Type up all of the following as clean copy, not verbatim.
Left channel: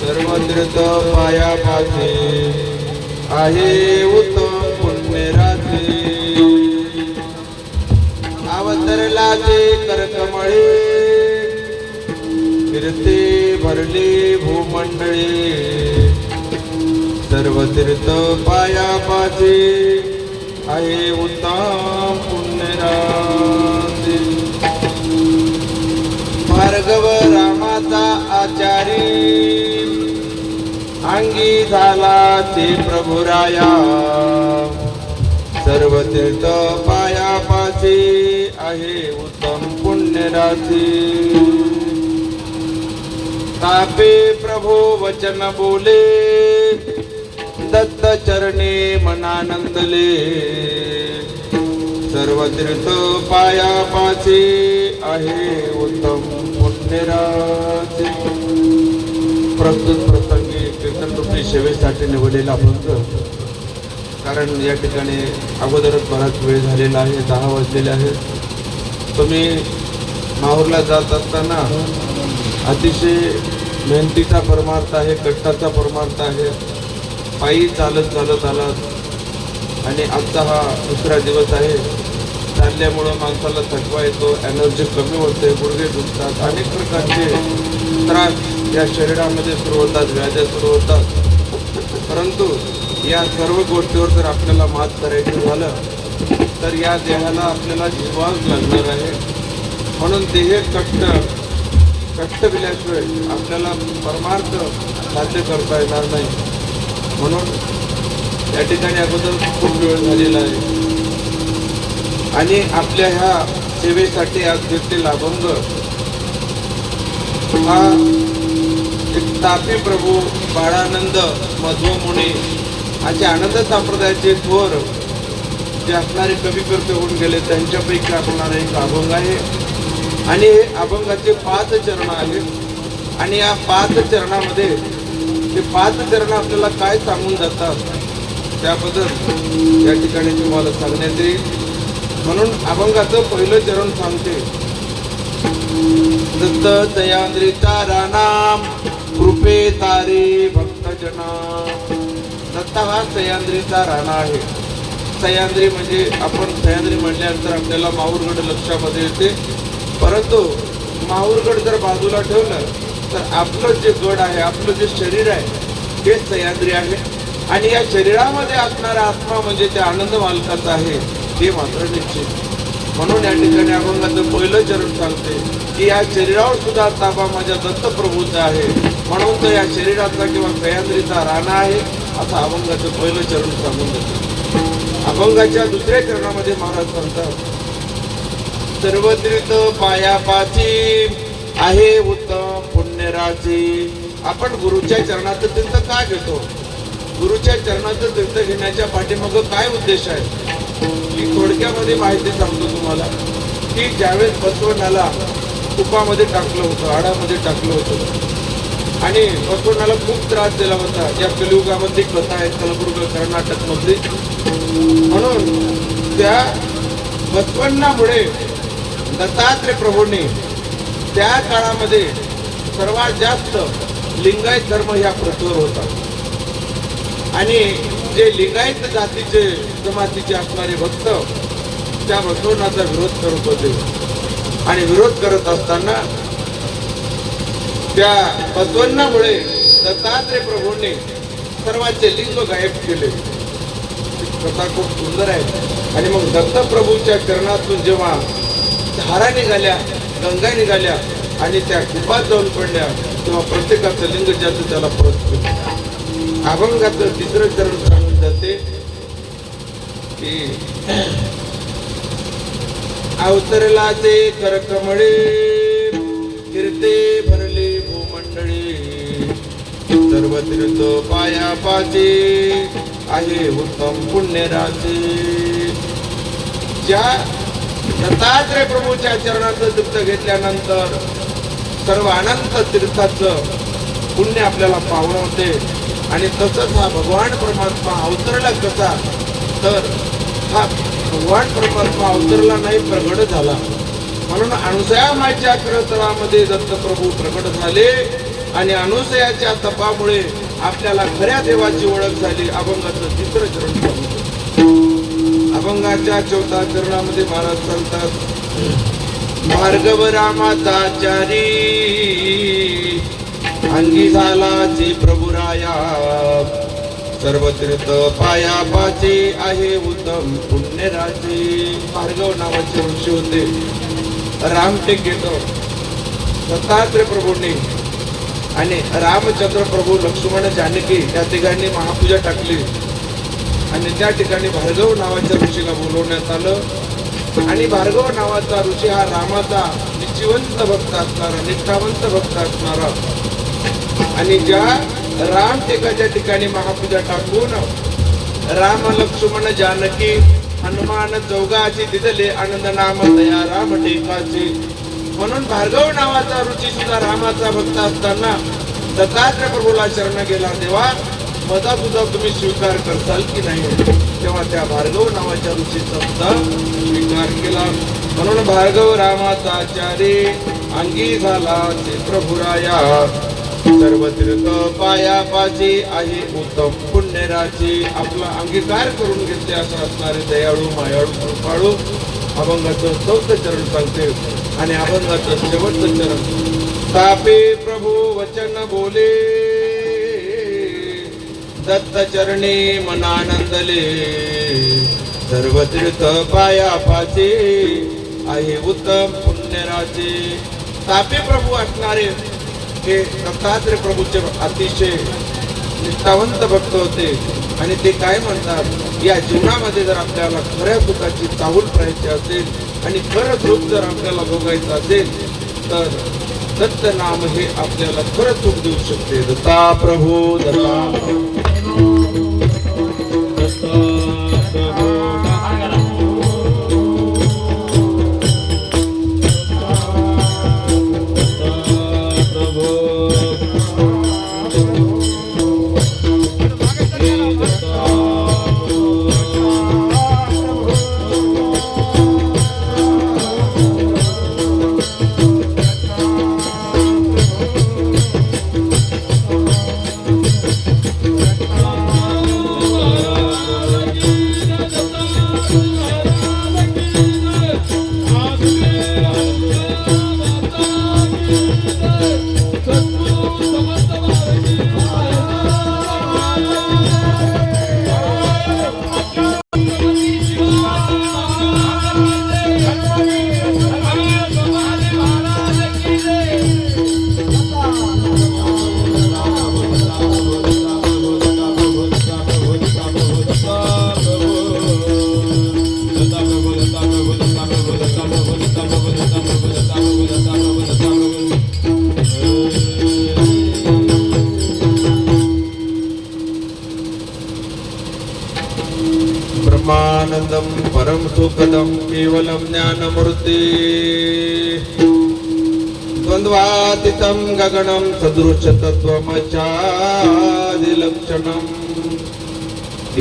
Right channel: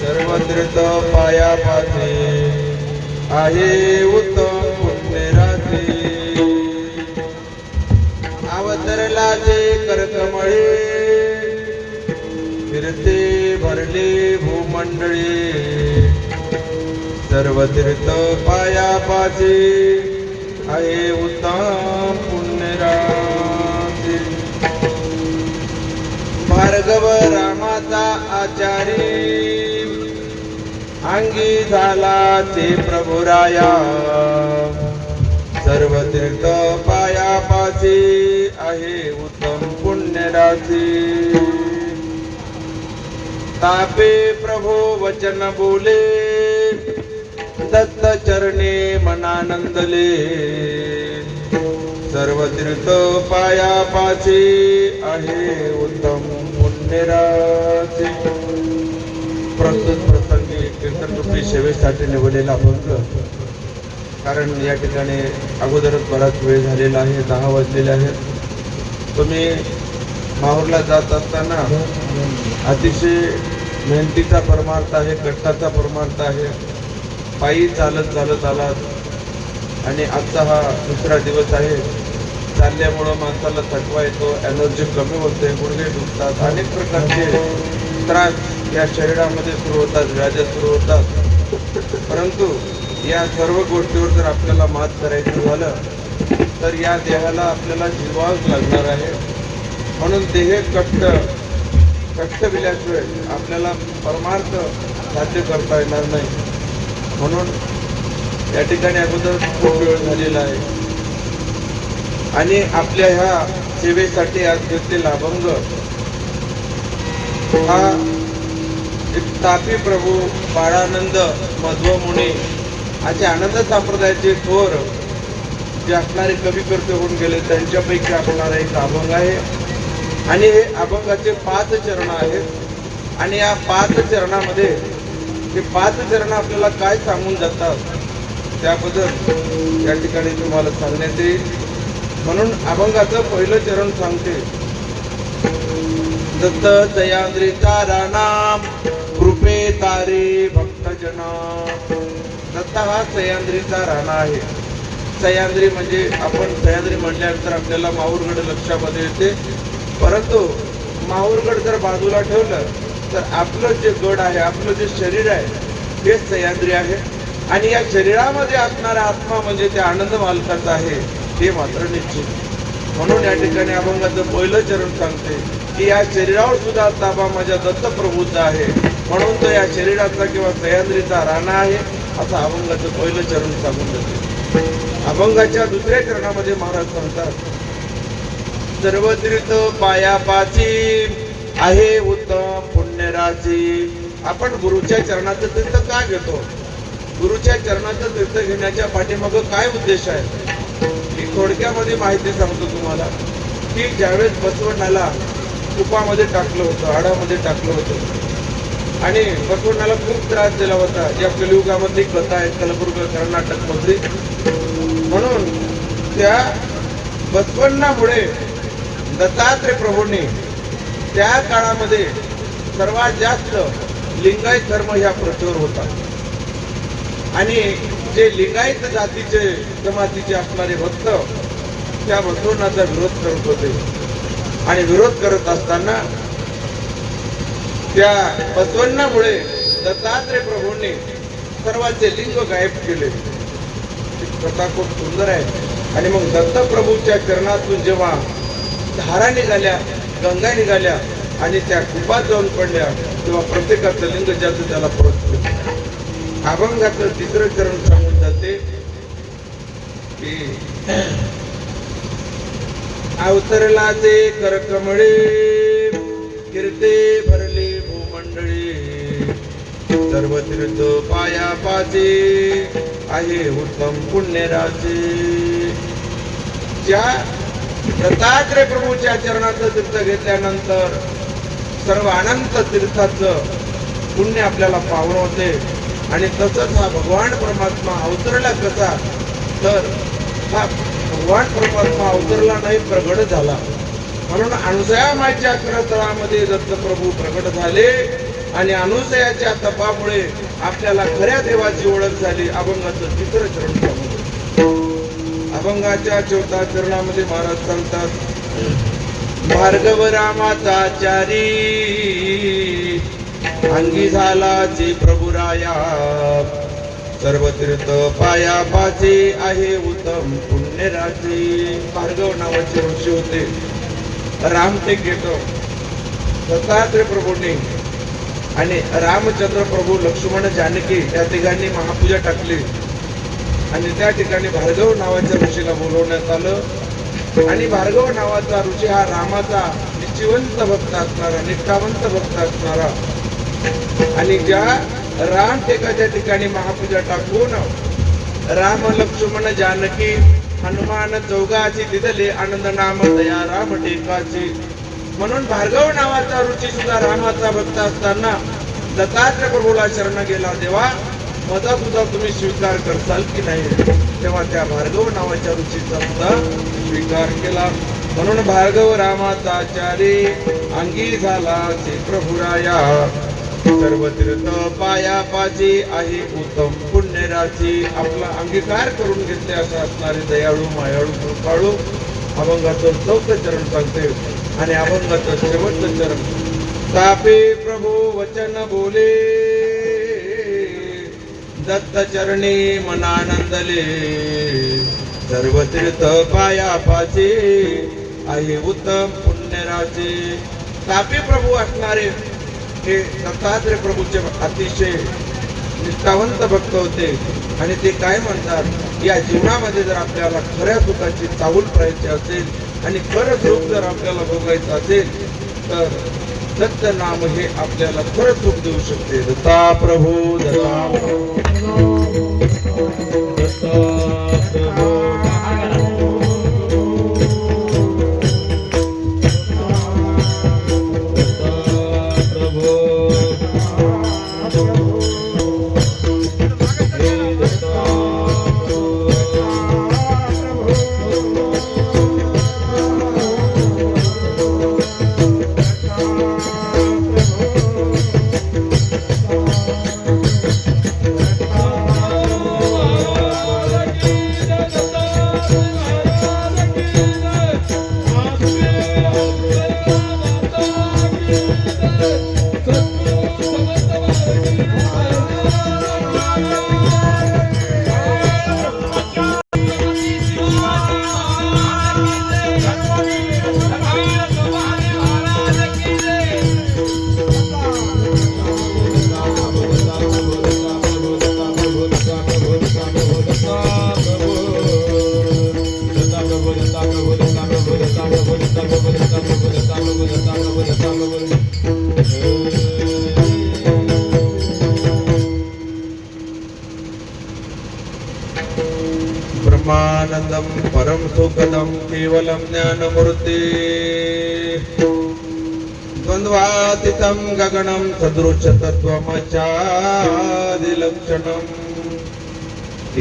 सर्वत्र पाया पासे आहे उत्तम पुण्यरात्री अवतरलाचे करकमळे फिरते भरले भूमंडळी सर्व तीर्थ पाया पासे आहे उत्तम पुण्यरात्री भार्गव रामाचा आचारी अंगी झाला ते प्रभुराया सर्व तीर्थ पाया पासे आहे उत्तम पुण्यरात्री तापे प्रभो वचन बोले दत्त चरणे मनानंदले सर्व तीर्थ पाया पासे आहे उत्तम पुण्यरात्री प्रस्तुत प्रसंगी कीर्तनरूपी सेवेसाठी निवडलेला अभंग कारण या ठिकाणी अगोदरच बराच वेळ झालेला आहे 10 वाजलेले आहेत तुम्ही माहूरला जात असताना अतिशय मेहनतीचा परमार्थ आहे कष्टाचा परमार्थ आहे पायी चालत आलात आणि आजचा हा दुसरा दिवस आहे चालल्यामुळं माणसाला थकवा येतो एनर्जी कमी होते गुडघे दुखतात अनेक प्रकारचे त्रास या शरीरामध्ये सुरू होतात व्याधी सुरू होतात परंतु या सर्व गोष्टीवर जर आपल्याला मात करायचं झालं तर या देहाला आपल्याला जिरवावंच लागणार आहे म्हणून देह कष्ट दिल्याशिवाय आपल्याला परमार्थ साध्य करता येणार नाही म्हणून या ठिकाणी अगोदर खूप वेळ झालेला आहे आणि आपल्या ह्या सेवेसाठी आज घेतलेला अभंग हा एक तापी प्रभू बाळानंद मध्व मुनी असे आनंद संप्रदायाचे थोर जे असणारे कवी करते होऊन गेले त्यांच्यापैकी असणारा एक अभंग आहे आणि हे अभंगाचे 5 चरण आहेत आणि या 5 चरणामध्ये ते 5 चरण आपल्याला काय सांगून जातात त्याबद्दल या ठिकाणी तुम्हाला सांगण्यात येईल म्हणून अभंगाचं पहिलं चरण सांगते दत्त सह्याद्रीचा रानाम कृपे तारे भक्तजन दत्त हा सह्याद्रीचा राणा आहे सह्याद्री म्हणजे आपण सह्याद्री म्हटल्यानंतर आपल्याला माहूरगड लक्षामध्ये येते परंतु माहूरगड जर बाजूला ठेवलं तर आपलं जे गड आहे आपलं जे शरीर आहे ते सह्याद्री आहे आणि या शरीरामध्ये असणारा आत्मा म्हणजे त्या आनंद मालकाचा आहे ते मात्र निश्चित म्हणून या ठिकाणी अभंगाचं पहिलं चरण सांगते की या शरीरावर सुद्धा ताबा माझ्या दत्तप्रभूचा आहे म्हणून तो या शरीराचा किंवा सह्याद्रीचा राणा आहे असं अभंगाचं पहिलं चरण सांगून जाते अभंगाच्या दुसऱ्या चरणामध्ये महाराज सांगतात सर्व तीर्थ पाया पाची आहे उत्तम पुण्यराची आपण गुरुच्या चरणाचं तीर्थ काय घेतो गुरुच्या चरणाचं तीर्थ घेण्याच्या पाठीमागं काय उद्देश आहे मी थोडक्यामध्ये माहिती सांगतो तुम्हाला की ज्यावेळेस बसवण्याला तुपामध्ये टाकलं होतं हाडामध्ये टाकलं होतं आणि बसवण्याला खूप त्रास दिला होता जी आपल्या युगामध्ये कथा आहे कलबुर्ग कर्नाटक मध्ये म्हणून त्या बसवण्यामुळे दत्तात्रय प्रभूंनी त्या काळामध्ये सर्वात जास्त लिंगायत धर्म ह्या पृथ्वीवर होता आणि जे लिंगायत जातीचे जमातीचे असणारे भक्त त्या बसवण्याचा विरोध करत होते आणि विरोध करत असताना त्या बसवण्यामुळे दत्तात्रय प्रभूंनी सर्वांचे लिंग गायब केले कथा खूप सुंदर आहे आणि मग दत्तप्रभूच्या चरणातून जेव्हा धारा निघाल्या गंगा निघाल्या आणि त्या कुपात जाऊन पडल्या तेव्हा प्रत्येकाचं लिंग ज्याचं त्याला परत केलं अभंगाचं तिसरं चरण सांगून जाते की अवतरलाचे करकमळे कीर्ते भरले भूमंडळी सर्व तीर्थ पाया पाचे आहे उत्तम पुण्यराचे ज्या दत्तात्रय प्रभूच्या चरणाचं तीर्थ घेतल्यानंतर सर्व अनंत तीर्थाचं पुण्य आपल्याला पावते आणि तसंच हा भगवान परमात्मा अवतरला कसा, तर हा भगवान परमात्मा अवतरला नाही, प्रगट झाला. म्हणून अनुसया माईच्या खरतरामध्ये दत्तप्रभू प्रगट झाले आणि अनुसयाच्या तपामुळे आपल्याला खऱ्या देवाची ओळख झाली. अभंगाचं तिसरं चरण. अभंगाच्या 4थ्या चरणामध्ये महाराज सांगतात, भार्गव रामाचा चारी अंगी झाला जे प्रभुराया, सर्व तीर्थ पाया पाचे आहे उत्तम पुण्यराचे. भार्गव नावाचे ऋषी होते. रामटेकेकर दत्तात्रय प्रभूंनी आणि रामचंद्र प्रभू, लक्ष्मण, जानकी त्या ठिकाणी महापूजा टाकली आणि त्या ठिकाणी भार्गव नावाच्या ऋषीला बोलवण्यात आलं. आणि भार्गव नावाचा ऋषी हा रामाचा निश्चिवंत भक्त असणारा, निष्ठावंत भक्त असणारा, आणि ज्या रामटेकाच्या ठिकाणी महापूजा टाकून राम, लक्ष्मण, जानकी, हनुमान चौघाची तिथले आनंद नाम दया राम टेकाची. म्हणून भार्गव नावाचा ऋषी सुद्धा रामाचा भक्त असताना दत्तात्रय प्रभूला शरण गेला, देवा माझा तुझा तुम्ही स्वीकार करताल की नाही. तेव्हा त्या भार्गव नावाच्या ऋषीचा सुद्धा स्वीकार केला. म्हणून भार्गव रामाचा आचार्य अंगी झाला ते प्रभुराया, सर्व तीर्थ पाया पाचे आहे उत्तम पुण्यराचे. आपला अंगीकार करून घेतले असं असणारे दयाळू, मायाळू, कृपाळू. अभंगाचं 4थं चरण सांगते आणि अभंगाचं शेवटचं चरण. तापे प्रभू वचन बोले, दत्त चरणी मनानंदले, सर्व तीर्थ पाया पाचे आहे उत्तम पुण्यराचे. तापे प्रभू असणारे हे दत्तात्रय प्रभूचे अतिशय निष्ठावंत भक्त होते. आणि ते काय म्हणतात, या जीवनामध्ये जर आपल्याला खऱ्या सुखाची चाहूल पाहायची असेल आणि खरं सुख जर आपल्याला भोगायचं असेल तर दत्त नाम हे आपल्याला खरं सुख देऊ शकते. दत्ता प्रभू, दत्ता प्रभू, ब्रह्मानंदम परम सुखदम केवलम ज्ञानमूर्ति, द्वंद्वातीतं गगनं सदृश तत्त्वमचादिलक्षणम्,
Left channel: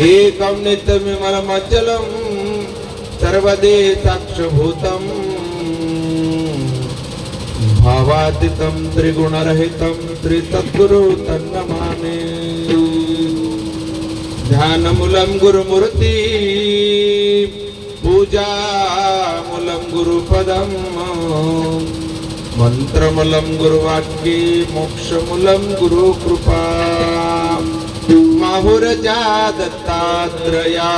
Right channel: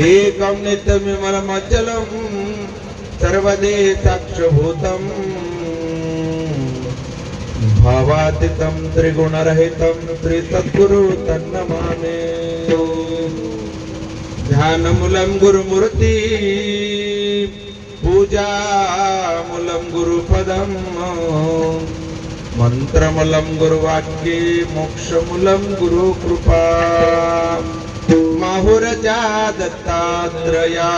एकं नित्यविमलमचलं सर्वदेशाक्षभूतम्, भावातीतं त्रिगुणरहितं त्रिसद्गुरु तन्नमामि. ध्यानमूलं गुरुमूर्ति, पूजामूलं गुरुपदं, मंत्रमूलं गुरुवाक्ये, मोक्षमूलं गुरुकृपा. माहुरजा दत्तात्रया,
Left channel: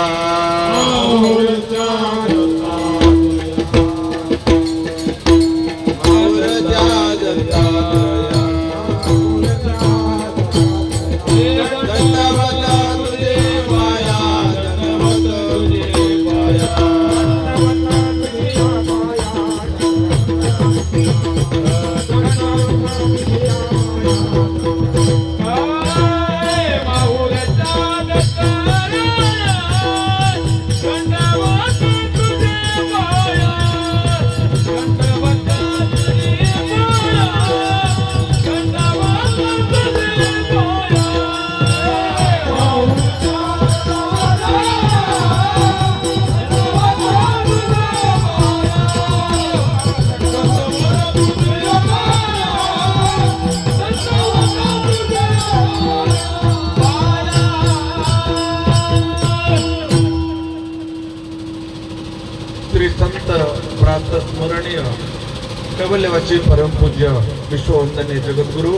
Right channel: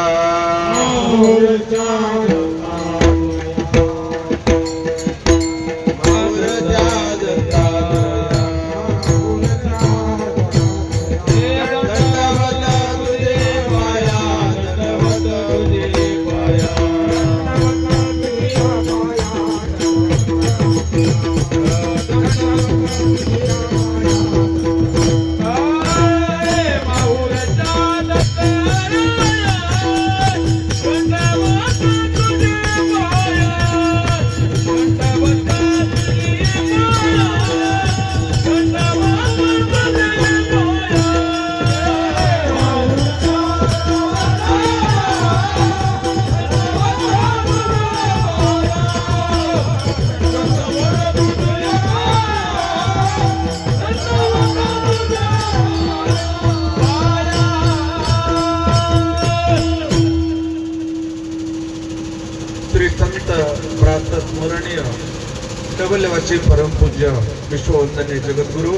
कैवल्यवासी परमपूज्य विश्ववंदनीय जगद्गुरु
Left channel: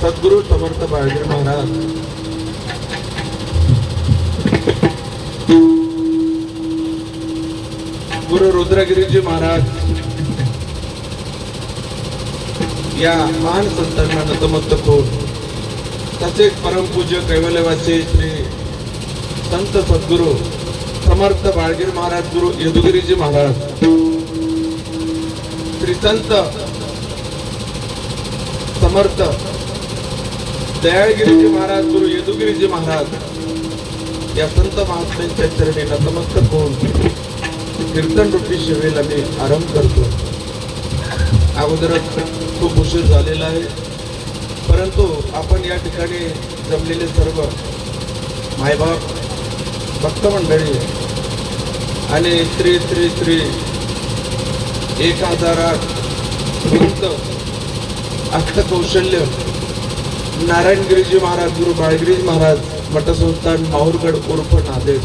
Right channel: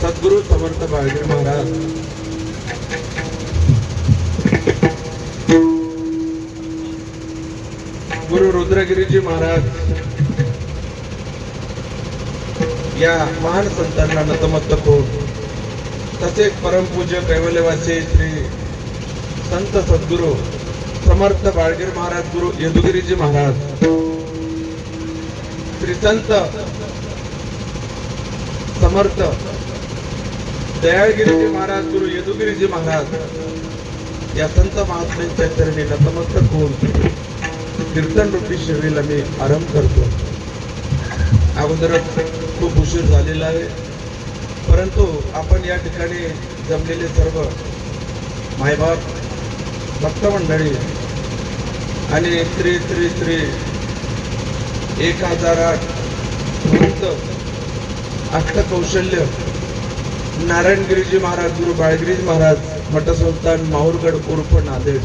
सद्गुरु समर्थ बाळगीर महाराज, गुरु रुद्रगिरीजी महाराज या महान संतांना नतमस्तक होऊन, तसेच परमपूज्य कैवल्यवासी श्री संत सद्गुरु समर्थ बाळगीर महाराज गुरु यदुगिरीजी महाराज, श्री संत समर्थ दयाळगिरीजी महाराज गुरु यदुगिरीजी महाराज या संत महात्म्यांच्या चरणी नतमस्तक होऊन कीर्तन रूपी सेवेला मी आरंभ करतो. अगोदरच खूप उशीर झालेला आहे, परंतु आपण या ठिकाणी जमलेले सर्व मायबाप, भक्त मंडळी आणि श्री श्री श्री 1008 भक्त अष्टकौशल्य नारायणगिरीजी महाराज गुरु बाळगिरीजी महाराज मठसंस्थान माहूरगड उर्फ नांदेड.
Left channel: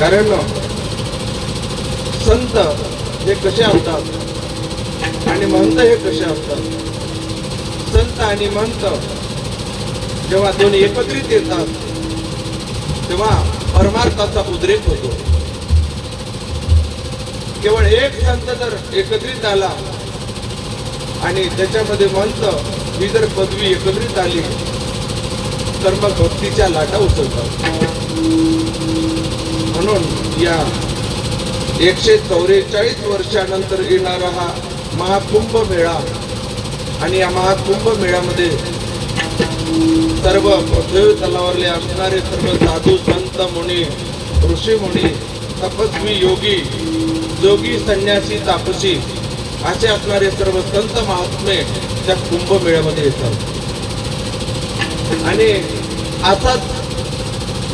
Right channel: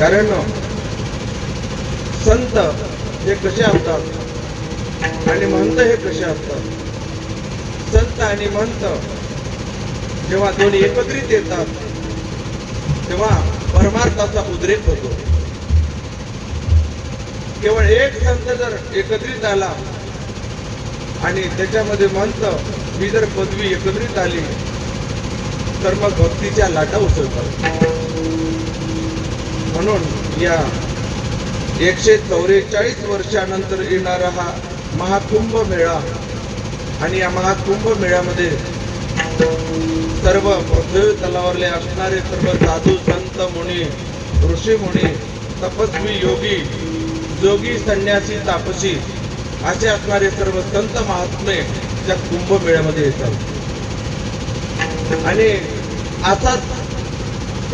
कारण संत हे कसे असतात आणि महंत हे कसे असतात. संत आणि महंत जेव्हा दोन्ही एकत्रित येतात तेव्हा परमार्थाचा उद्रेक होतो. केवळ एक संत जर एकत्रित आला आणि त्याच्यामध्ये महंत ही जर पदवी एकत्रित आली तर मग भक्तीच्या लाटा उसळतात. म्हणून या 144 वर्षानंतर येणारा हा महाकुंभ मेळा आणि या महाकुंभ मेळ्यामध्ये सर्व पृथ्वी तलावरले असणारे सर्व साधू संत मुनी ऋषी मुनी तपस्वी योगी जोगी संन्यासी तापसी असे असणारे सर्व संत महात्मे त्या कुंभ मेळ्यामध्ये येतात. आणि असाच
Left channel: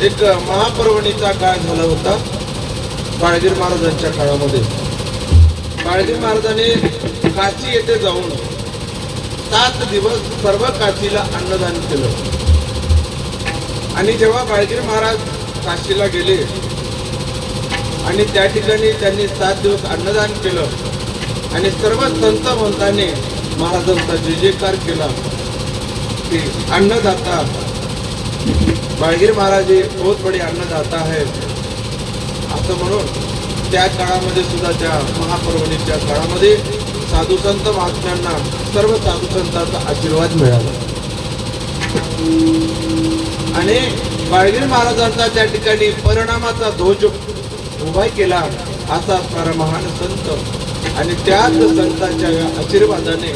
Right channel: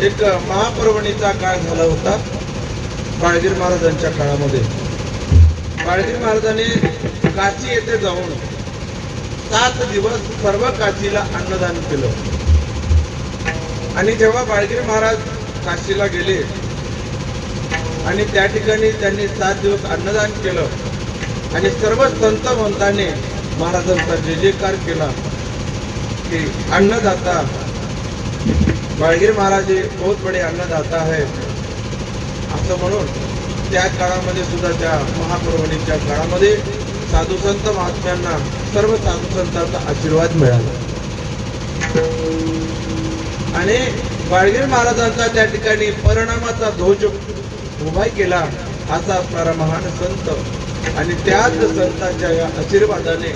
एक महापर्वणीचा काळ झाला होता बाळगीर महाराजांच्या काळामध्ये. बाळगीर महाराजांनी काशी येथे जाऊन 7 दिवस सर्व काशीला अन्नदान केलं. आणि जेव्हा बाळगीर महाराज काशीला गेले आणि त्या ठिकाणी त्यांनी 7 दिवस अन्नदान केलं आणि सर्व संत महंतांनी महाराजांचा जय जयकार केला की अन्नदाता बाळगीर महाराज बहुत बडे अन्नदाता है असं म्हणून त्या काळामध्ये सुद्धा त्या महापर्वणीच्या काळामध्ये साधू संत महात्म्यांना सर्व साधू संतांचा आशीर्वाद मिळाला. आणि बाळगीर महाराजांचा त्या ठिकाणी परिणामाचा ध्वज उभा केला असा असणारा महान संत आणि त्याच संतांच्या आशीर्वादाने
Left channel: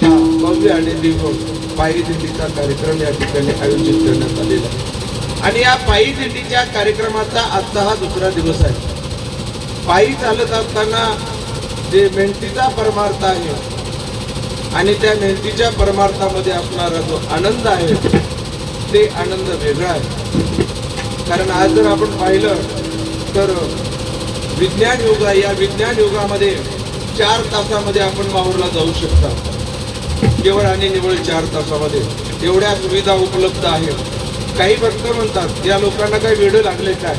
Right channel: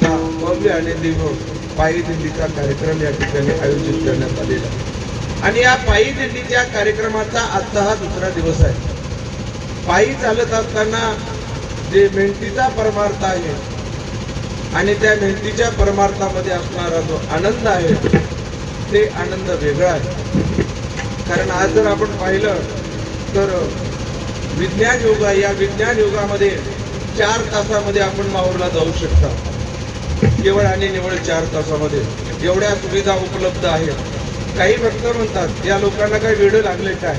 हा भव्य आणि दिव्य पायी दिंडीचा कार्यक्रम या ठिकाणी आयोजित करण्यात आलेला आहे. आणि या पायी दिंडीच्या कार्यक्रमाचा आजचा हा दुसरा दिवस आहे. पायी चालत असताना जे मेहनतीचा परमार्थ आहे आणि त्या मेहनतीच्या परमार्थामध्ये असणारा जो आनंद आहे ते आनंद वेगळा आहे. कारण आज जर आपण पाहिलं तर विज्ञान युग आहे. या विज्ञान युगामध्ये 4 तासामध्ये आपण माहूरला जाऊ शकता. केवळ आणि निवळ 4 तासामध्ये एवढ्या सुविधा उपलब्ध आहेत. काही भक्त म्हणतात या लोकांना काही वेळ लागले काय,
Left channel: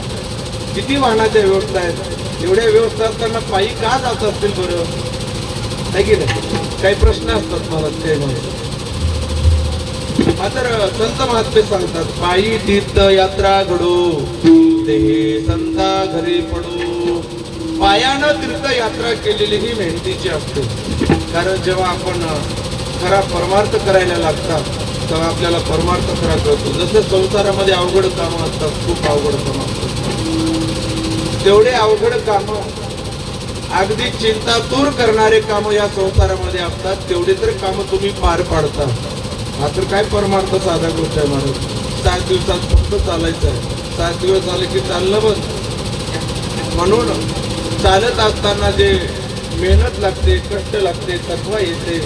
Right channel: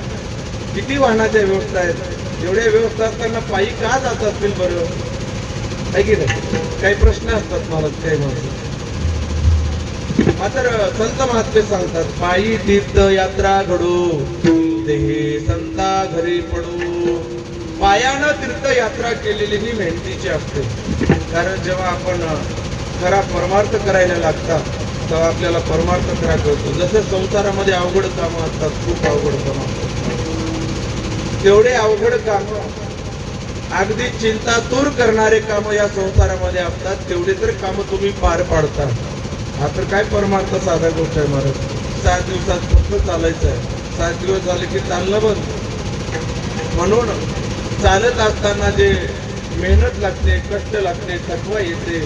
किती वाहनाच्या व्यवस्था आहेत, एवढ्या व्यवस्था असताना पायी का जात असतील बरं, आहे की नाही. काही प्रश्न असतात मला ते. मात्र संत महात्मे सांगतात पायी तीर्थ यात्रा घडू देहे संता घरी पडू. पायानं तीर्थ यात्रा केलेली ही मेहनतीची असते. कारण जेव्हा आपण खरा परमार्थ करायला लागतात तेव्हा आपल्याला परमार्थ खरा कळतो. जसे संसारामध्ये अवघड कामं असतात, खूप अवघड कामं असतात, तेवढे अवघड कामं अगदी चिंतातूर करणारे कामं या संसारामध्ये असतात. तेवढे तर कामं तुम्ही पार पाडता. मात्र काय परमार्थ साधा गोष्ट आहे महाराज. 7 दिवसात फक्त चालायचं आहे. 7 दिवस झाले की चाललं बंद. म्हणून चालत असताना जे मेहनत लागते, कष्ट लागते, थकवा येते,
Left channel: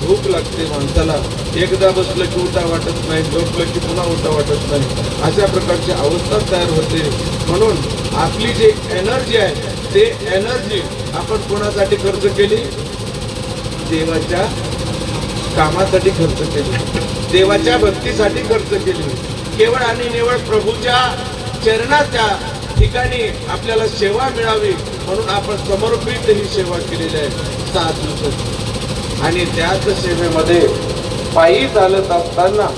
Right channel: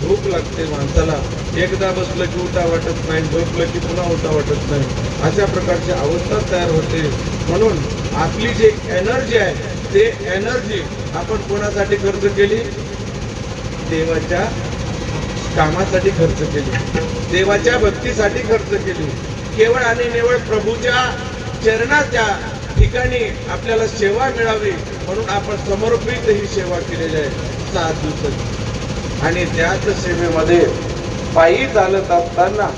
भूक लागते माणसाला, एकदा बसलं की उठा वाटत नाही, झोपलं की पुन्हा उठा वाटत नाही, अशा प्रकारची अवस्था तयार होते. म्हणून आपली जी एनर्जी आहे ते एनर्जी आपण कोणासाठी खर्च केली, देवाच्या कामासाठी खर्च केली, देवाच्या भक्तीसाठी खर्च केली. केवळ आणि निवळ प्रभूच्या चरणाच्या ठिकाणी आपल्याला सेवा मिळावी म्हणून आपण समर्पित ही सेवा केलेली आहे 7 दिवसाची. आणि त्याच सेवेमध्ये पायी चालत असताना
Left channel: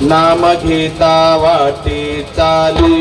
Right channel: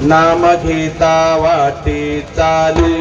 नाम घेता वाटे चाले,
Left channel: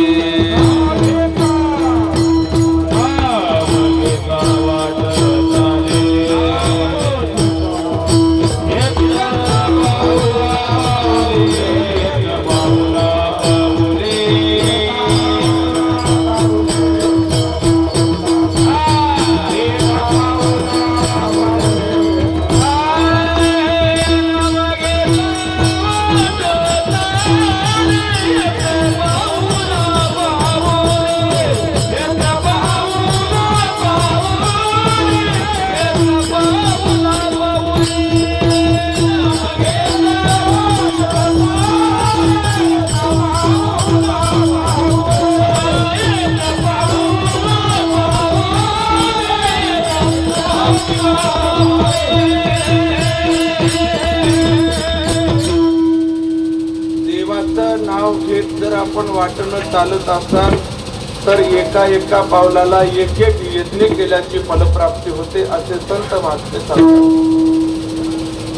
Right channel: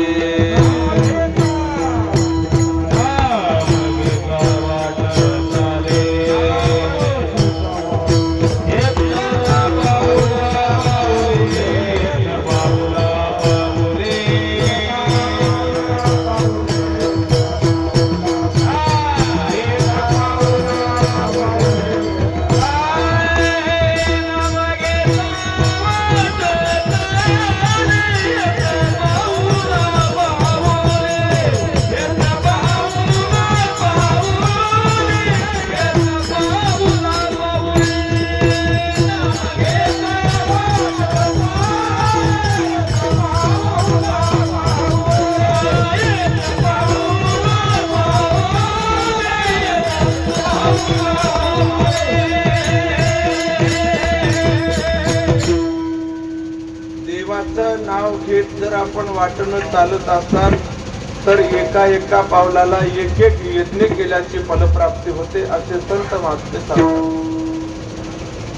देवाचं नाव घेत जर आपण वाटणं चालत असाल तर एका एका पावलाला एक एक यज्ञ केल्याची फलप्राप्ती होते असे संत महात्मे सांगतात.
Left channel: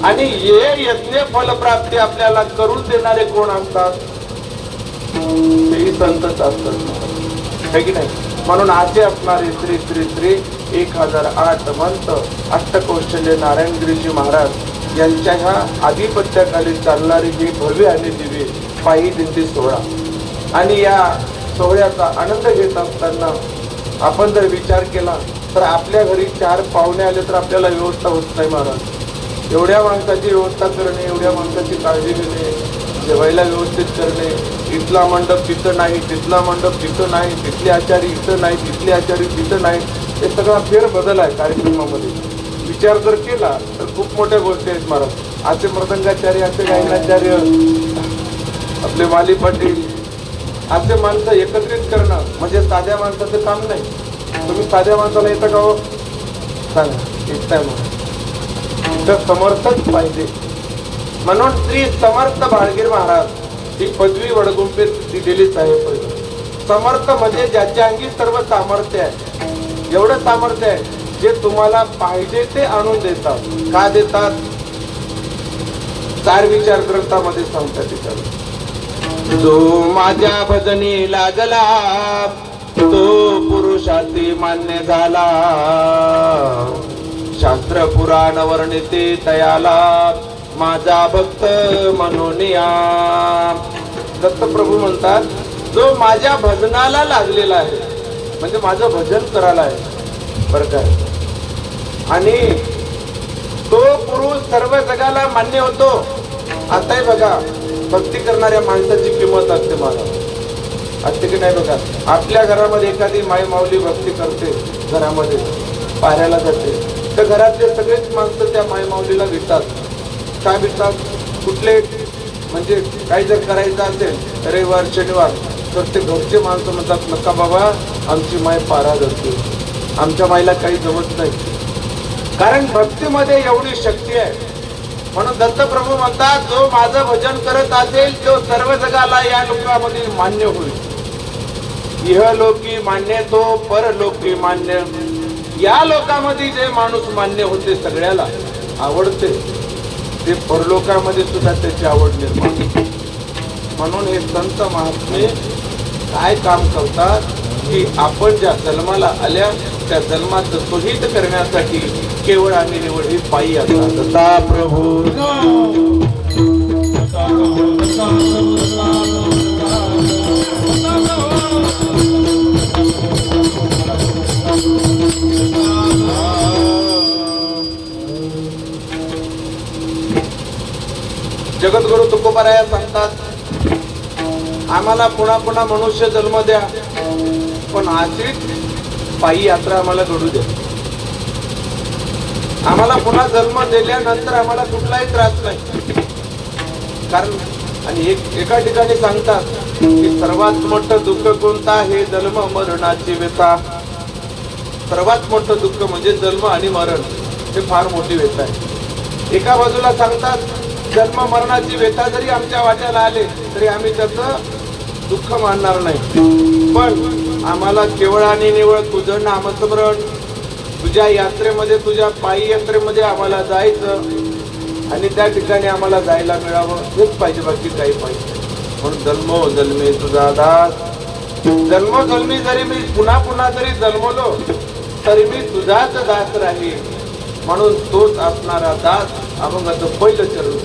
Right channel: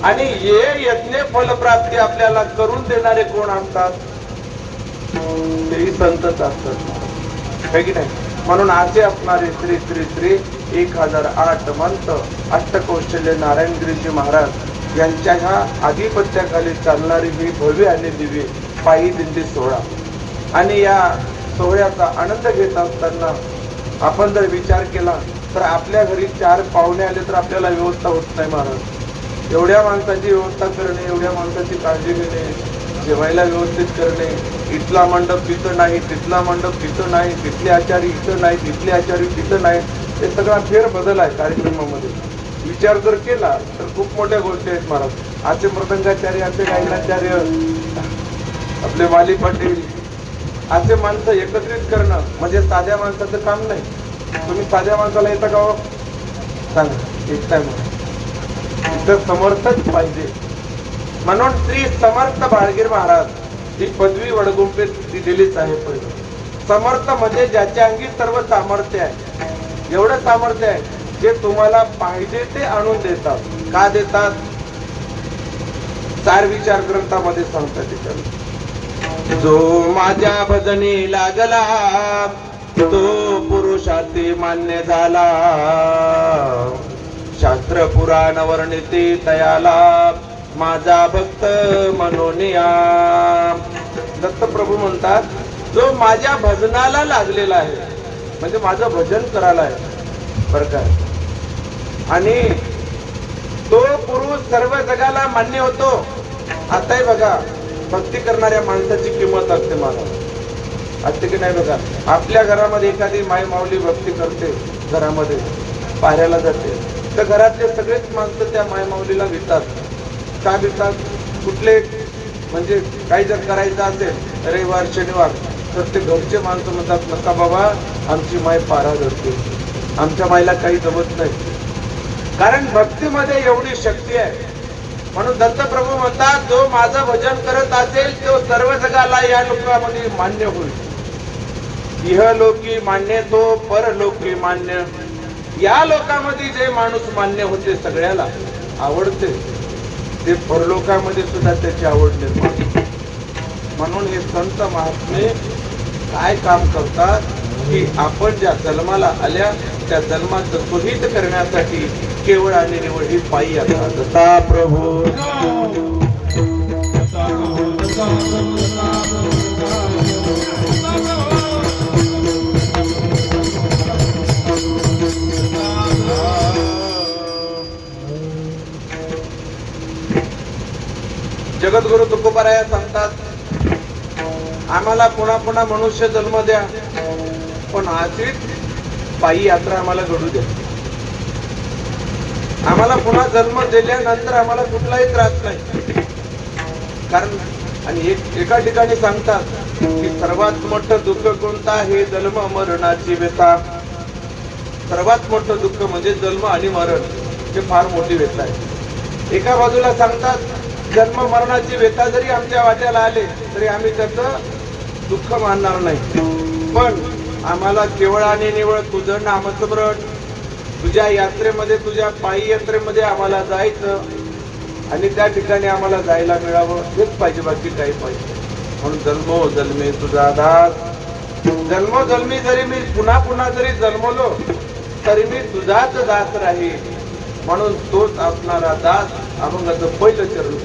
आणि हे यज्ञ फलप्राप्ती आपल्याला करून देणारे कोण असतात? तेही संतच असतात, है की नाही? म्हणून असे असणारे श्री श्री श्री 1008 मंत्र अष्टकौशल्य नारायणगिरीजी महाराज यांच्या ह्या आधिपत्याखाली चालणारी ही भव्य आणि दिव्य पायी दिंडी सोहळा. आणि या सोहळ्याचा आनंद घेत असताना आपण जर विचार केला तर आपल्या घरी 4 पाहुणे आले तर आपल्याला व्यवस्था होत नाही महाराज. एवढ्या माणसाची व्यवस्था करणे, एवढ्या माणसाची काळजी घेणे, जेवायला व्यवस्थित करणे, इथला मंडप तिथं नाही, तिथला मंडप तिथं नाही, तिथले आचारी इथं नाही, तिथले आचारी तिथं नाही, हे सगळा फेरबदल आहे कार्यक्रमामध्ये. विचार जर केला तर खूप मोठ्या गोष्टी आहेत महाराज. असे मृदंगाचार्य, असे गायनाचार्य, आपले माली पाटील, असे माणसं एकत्रित करणं म्हणजे साध्या माणसाचं काम नाही. तुम्ही साध्या माणसाला येतं का हो? सांगा, एकटा इथं समर्थच पाहिजे. म्हणून श्री समर्थ बाळगीर महाराज ही पदवी वडगुंपेत दिलेलीच आहे. समर्थ म्हणजे ज्याच्या अंगी सर्व सामर्थ्य आहे. एवढं सामर्थ्य आहे जे तुम्हाला पाहिजे ते आणून देतात. का देतात? 4 विचार ग्रंथामध्ये सांगतात. जो माझ्या भजनी लागला तो पुरुषाती मान्य झाला, शास्त्र पुराण वर्णिते तयाला माझा भक्त मनोनिया. दत्तप्रभू म्हणतात जो माझ्या भजनाला लागलेला आहे म्हणजे माझं भजन करायला आहे बरं का. आणि तो पुरुष सर्व जगाला मान्य होतो. आताही बघा भक्ती करणाऱ्या माणसाची किंमत असते मला, असते की नाही? बघा आपल्या घरामध्ये एखादी माय माऊली भक्ती करते, घरामध्ये पाहायला जाते तर घरातले सगळेच माणसं त्या माय माऊलीला भितात. का भितात? कुठले म्हणजे काही जर करायचं असेल रविवार शनिवार तर ते घरचे माणसं म्हणतात नका बाबा, आमची माय पारा धरते, आमच्या मायला काही जमत नाही. कारण भक्तीमध्ये एवढी शक्ती आहे. म्हणून दत्तप्रभू म्हणतात जो माझं भजन करत असेल तो सर्व जगाला या लोकांमध्ये मान्य होईल. इहलोकी मान्य तो परलोकी मान्य. या लोकांमध्ये जे माणूस मान्य होते, सगळ्याला आवडते, ते परलोकामध्ये सुद्धा त्याची आवड निर्माण. म्हणून हे संत महात्मे काय काम करतात की आपण ज्या जन्माला आल्या त्या जन्माचं सोहित करण्यासाठी केवळ आणि निवड ही पायी यात्रा. दत्ता प्रभू जगद्गुरु तुकोबाराया सांगतात आम्हाला पुन्हा पुन्हा मनुष्य जन्म द्या पण अशीच पायी यात्रा आम्हाला घडू द्या. आम्हाला पुन्हा जन्म दिल्यानंतर आम्हाला कुठलाही त्रास नाही. कारण आणि एका ठिकाणी सांगतात की सर्वात मोठं दुःख कोणतं आहे? जन्म मरणाची व्यथा. सर्वात मोठं दुःख म्हणजे जन्म आणि मरण, हे फार मोठी व्यथा आहे. एका बाजूला सांगतात जन्म मरणाची व्यथा जरी आमच्या वाट्याला आले तरी आम्ही त्याचं दुःख मानणार नाही, पण आम्हाला केवळ आणि निवळ तुझं नामस्मरण, तुझ्या यात्रेमध्ये, तुझ्या पायी यात्रेमध्ये आम्हाला जायचं आणि त्या ठिकाणी आम्हाला जायला मिळावं हेच पाहिजे, बाकी काही पाहिजे. म्हणून जन्मो जन्मे तुझा दास, जन्मोजन्मी जरी मी पुन्हा पुन्हा जरी जन्मलो तरी मी तुझाच दास राहील. म्हणून तोच असणारा दास अभंगाचं पहिलं चरण.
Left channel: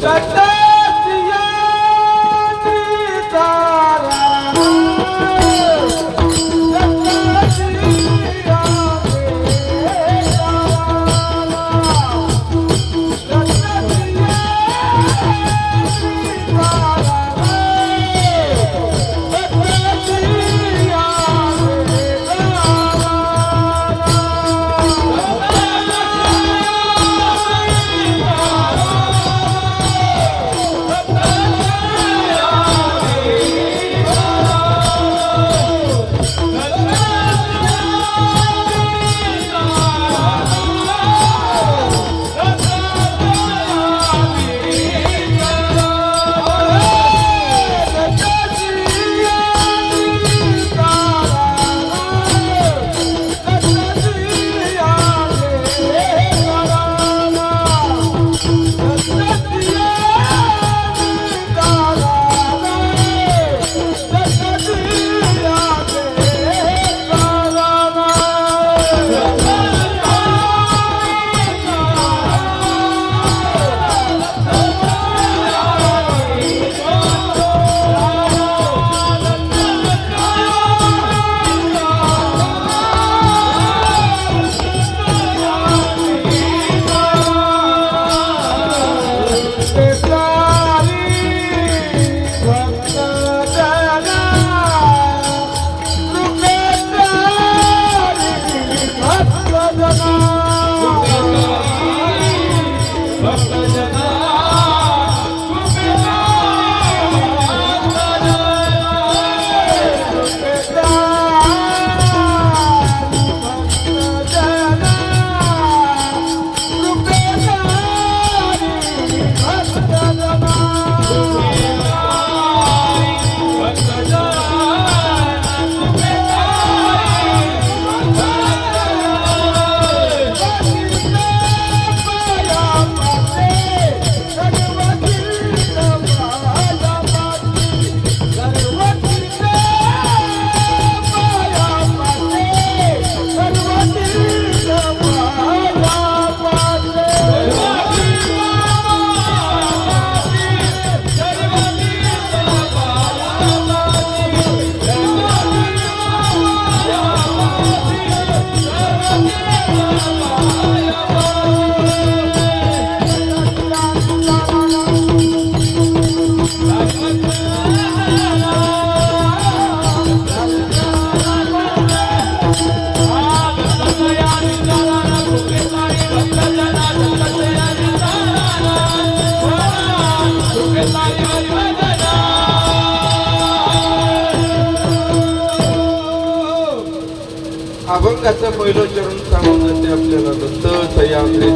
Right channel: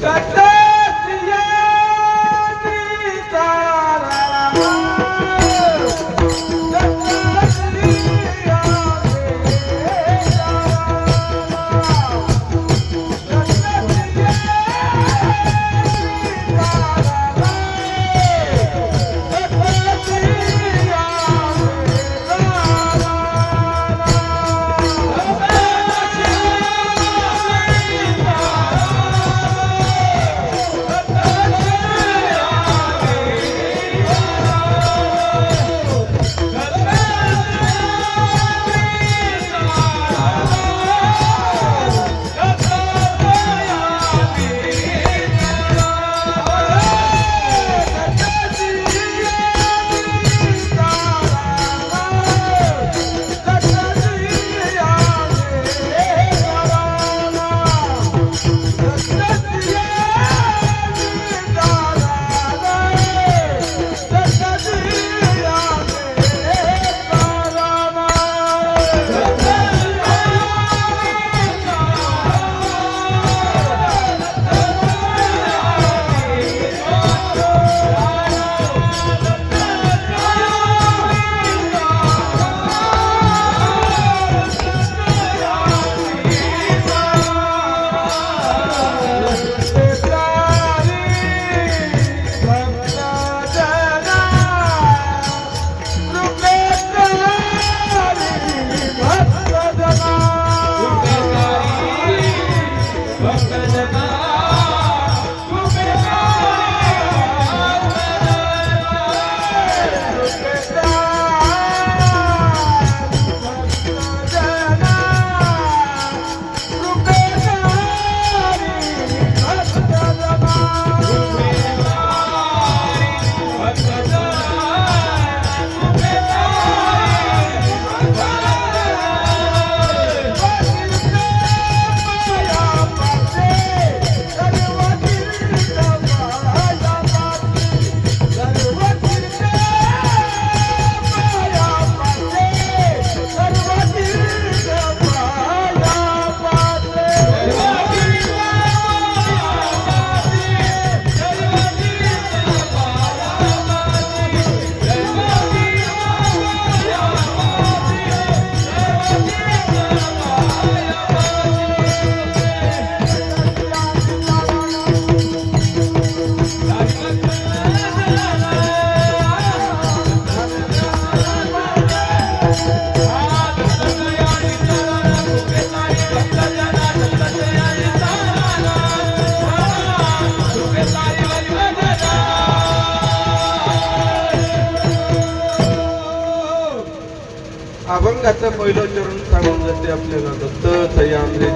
अभंगाचं पहिलं चरण सांगून जाते आपल्याला. दत्त सह्याद्री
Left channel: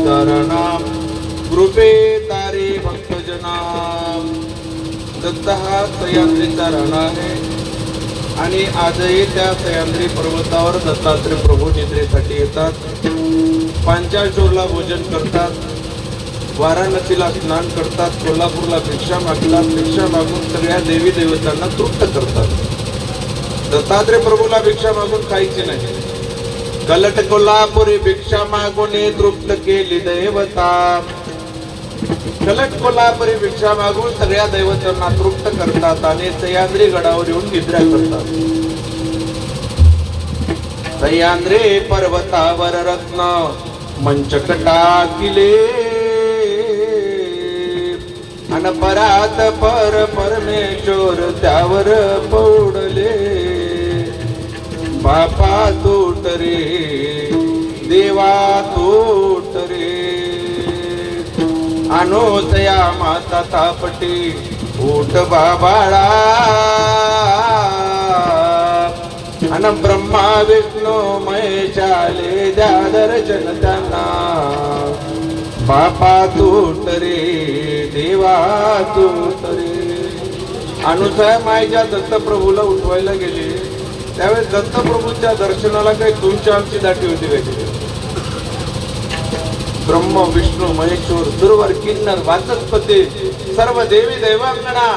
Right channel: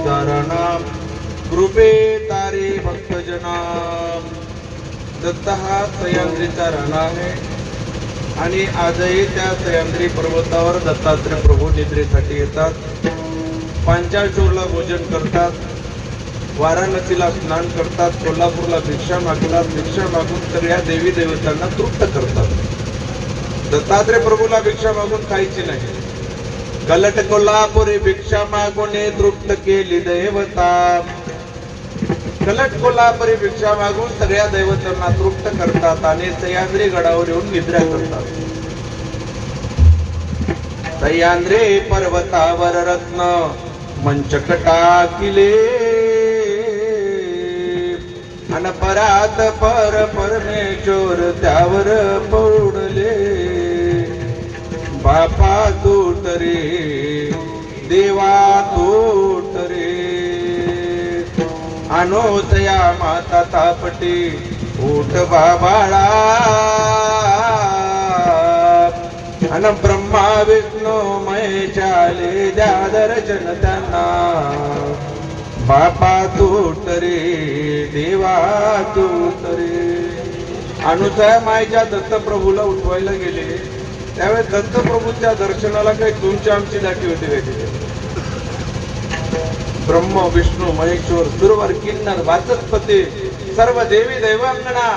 नाम कृपे तारे भक्तजनाम. दत्त हा सह्याद्रीचा राणा आहे आणि आजही त्या सह्याद्री पर्वतावर दत्तात्रय प्रभू निद्रेसाठी येतात. पांचाळशोरला भोजन करतात, वाराणसीला स्नान करतात, कोल्हापूरला भिक्षा मागतात, भिक्षा मागून सगळ्या देवी देवतांना तृप्त करतात. दत्तात्रय प्रभूला भिक्षा मागून खायची नाही. गलट कोल्हापुरी भिक्षा मागून तृप्त केली दैवता. गलट कोल्हापुरी भिक्षा मागून सगळ्या दैवतांना तृप्त करतात आणि सह्याद्री गडावर येऊन निद्रा करतात. सह्याद्री पर्वतावर रत्न मंचक टाकिले अन परात परमेश्वर त्यावर पौडले. बापा तूट रे देवा तूट रे अनोतया माता तापटी उठ बाबाळा. अन ब्रह्मा विष्णू महेशाले द्या दर्शन त्यांना. बापा तूट रे देवा तूट रे. अनुसया मायेच्या दत्तप्रभूला उठवायला गेले त्यावेळेस दत्तप्रभूच्या दर्शनाला काही तुमची आमची दाटी होती काय तिथे? ब्रह्म विष्णू महेश्वर सुरवर किन्नर वाचस्पती सर्व देवी देवांगणा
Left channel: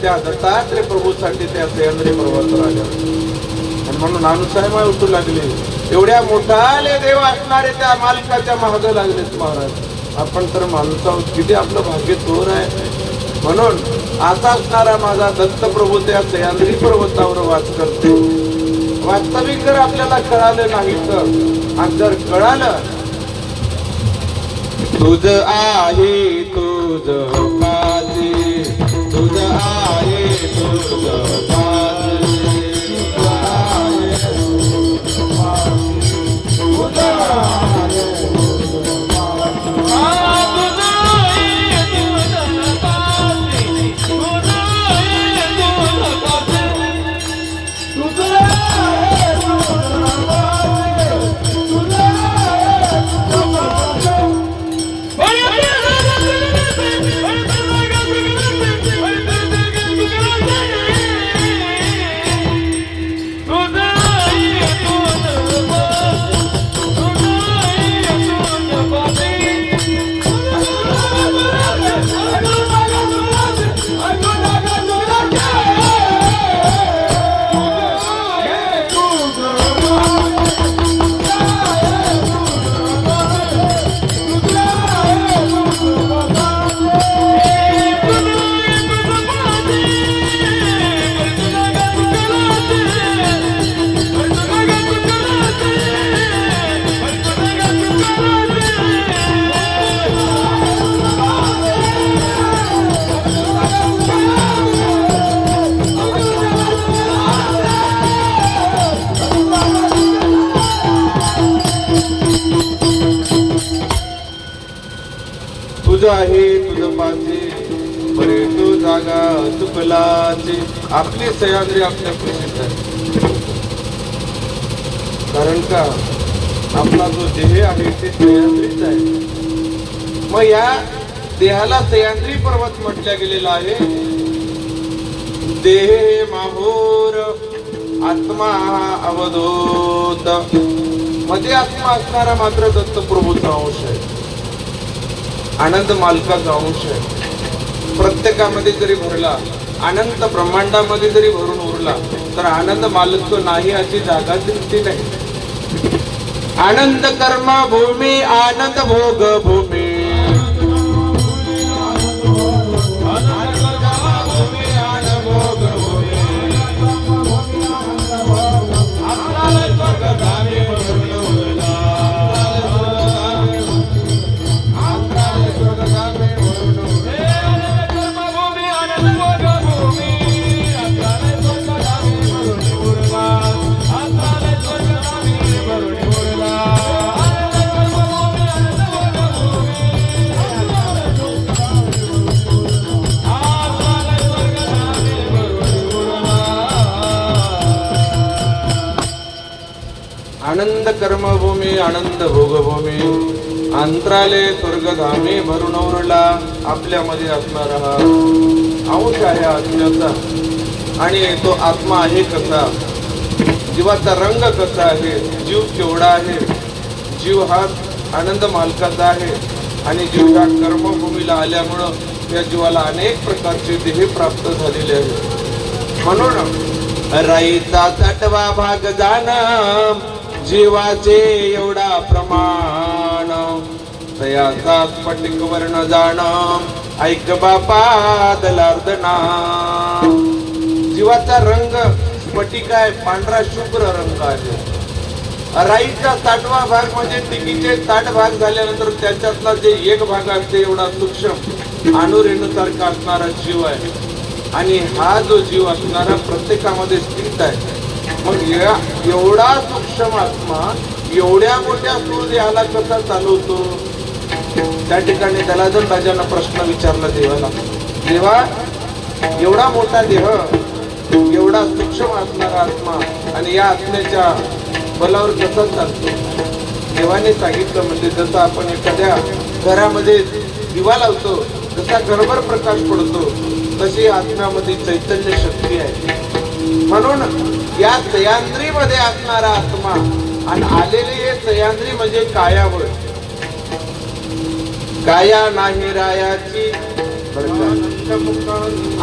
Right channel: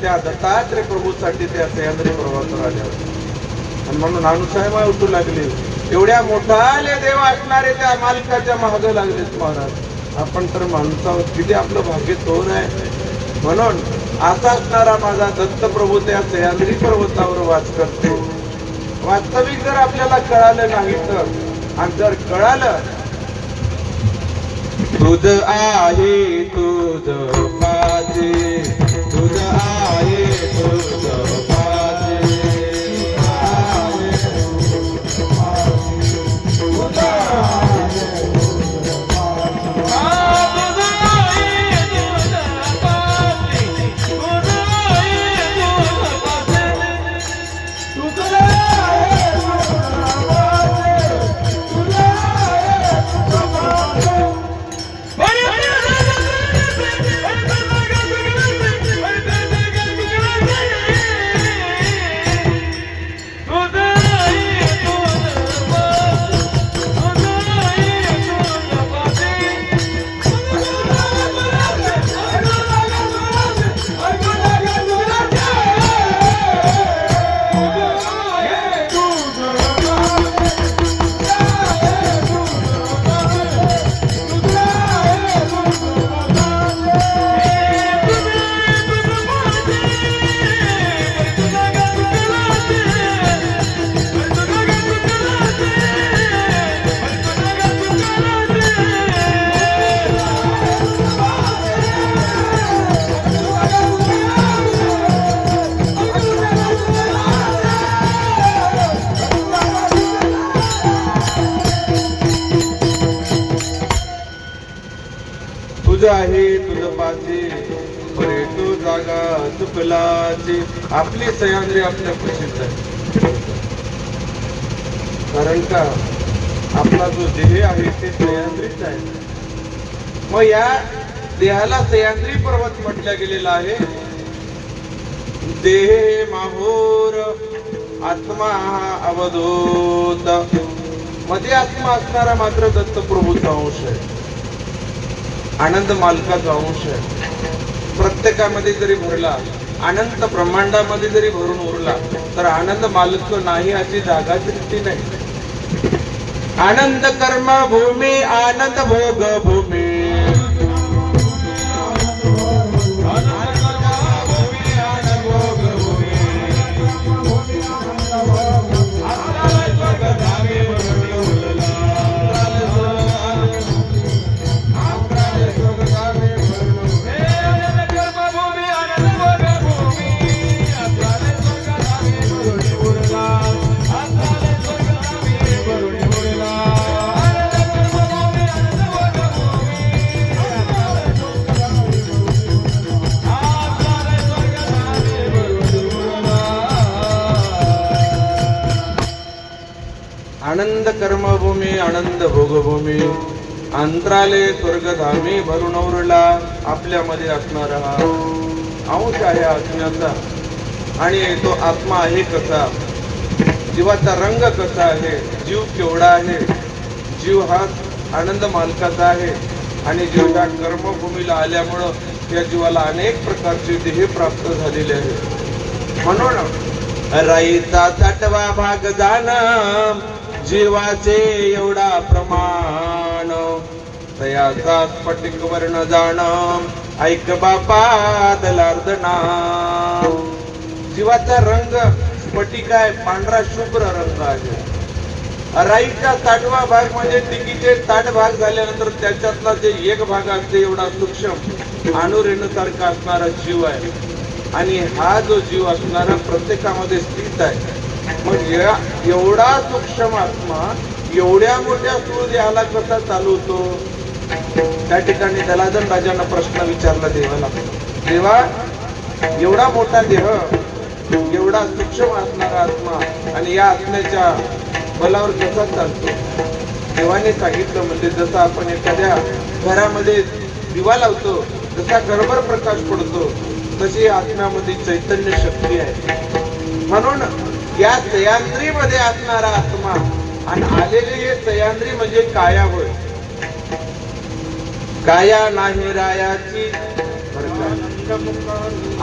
त्या दत्तात्रय प्रभूसाठी त्या सह्याद्री पर्वतावर आल्या आणि म्हणून अनुसया माय उठू लागली. एवढ्या मोठाले देव असणारे त्या मालकाच्या मागे लागलेत महाराज. आपण तर माणसावर किती आपलं भाग्य थोर आहे. म्हणून असा असणारा माझा दत्तप्रभू त्या सह्याद्री पर्वतावर वास करतो. वास्तविक जर आपल्याला कळालं नाही तर आणि जर कळालं तुझ आहे तुझ पाजे तुझ आहे तुझ पाजे तुझ आहे तुझ पाचे बरे तो जागा चुकलाचे. आपली सह्याद्री आपल्या प्रसिद्ध आहे. कारण का आपला जो देह आहे ते सह्याद्रीच आहे. मग या देहाला सह्याद्री पर्वत म्हटल्या गेलेला आहे. देह माहूर आत्मा अवधूत. मध्ये आत्मा असणारा मात्र दत्तप्रभूचा अंश आहे. आनंद मालकाचा अंश आहे. प्रत्येकामध्ये जरी भरला अनंत ब्रह्मांडामध्ये जरी भरून उरला तर आनंद मालक तो नाही अशी जागा दिसती नाही. आनंद कर्म भूमी आनंद भोग भूमी आनंद कर्मभूमी आनंद भोगभूमी अंतराले स्वर्गधामी भरून उरला. आपल्यामध्ये असणारा अंश आहे आत्म्याचा. आणि तो आत्मा आहे कसा, जीवाचा रंग कसा आहे, जीव केवढा आहे. जीव हा आनंद मालकाचा आहे आणि जीव ह्या कर्मभूमीला आल्यामुळं या जीवाला अनेक प्रकारचे देह प्राप्त झालेले आहेत. म्हणून राईचा 6वा भाग जाणं जीवाचे एवढा प्रमाण तयाचा स्फटिक वर्ण जाण ऐक बापा दलार्दना. जीवाचा रंग स्फटिक आहे, पांढरा शुभ्र रंग आहे. राईचा 6वा भाग म्हणजे टिकीचे 60 भाग झाल्यानंतर त्याच्यातला जे एक भाग असते एवढा सूक्ष्म अणुरेणूसारखा असणारा जीव आहे. आणि हा जो जीव असणारा प्रत्येकामध्ये स्थित आहे. मग एवढा सूक्ष्म आत्मा एवढ्या मोठ्या स्थूल देहाला कसा चालवतो. त्या ठिकाणी दलाजन राजांना प्रश्न विचारला देवाला. देवा, एवढा मोठा देह, एवढा सूक्ष्म असणारा आत्मा आणि या आत्म्याच्या बलावर कसा चालतो. देवाने सांगितलं म्हणजे जसं आपण एखाद्या घरामध्ये दिवा लावतो, जसा घरभर प्रकाश पडतो तशी आत्म्यामध्ये चैतन्य शक्ती आहे. म्हणून या सह्याद्री मध्ये असणारा आत्मा आणि आलेले हे सह्याद्री म्हणजे काया होय. काया नाही रायाची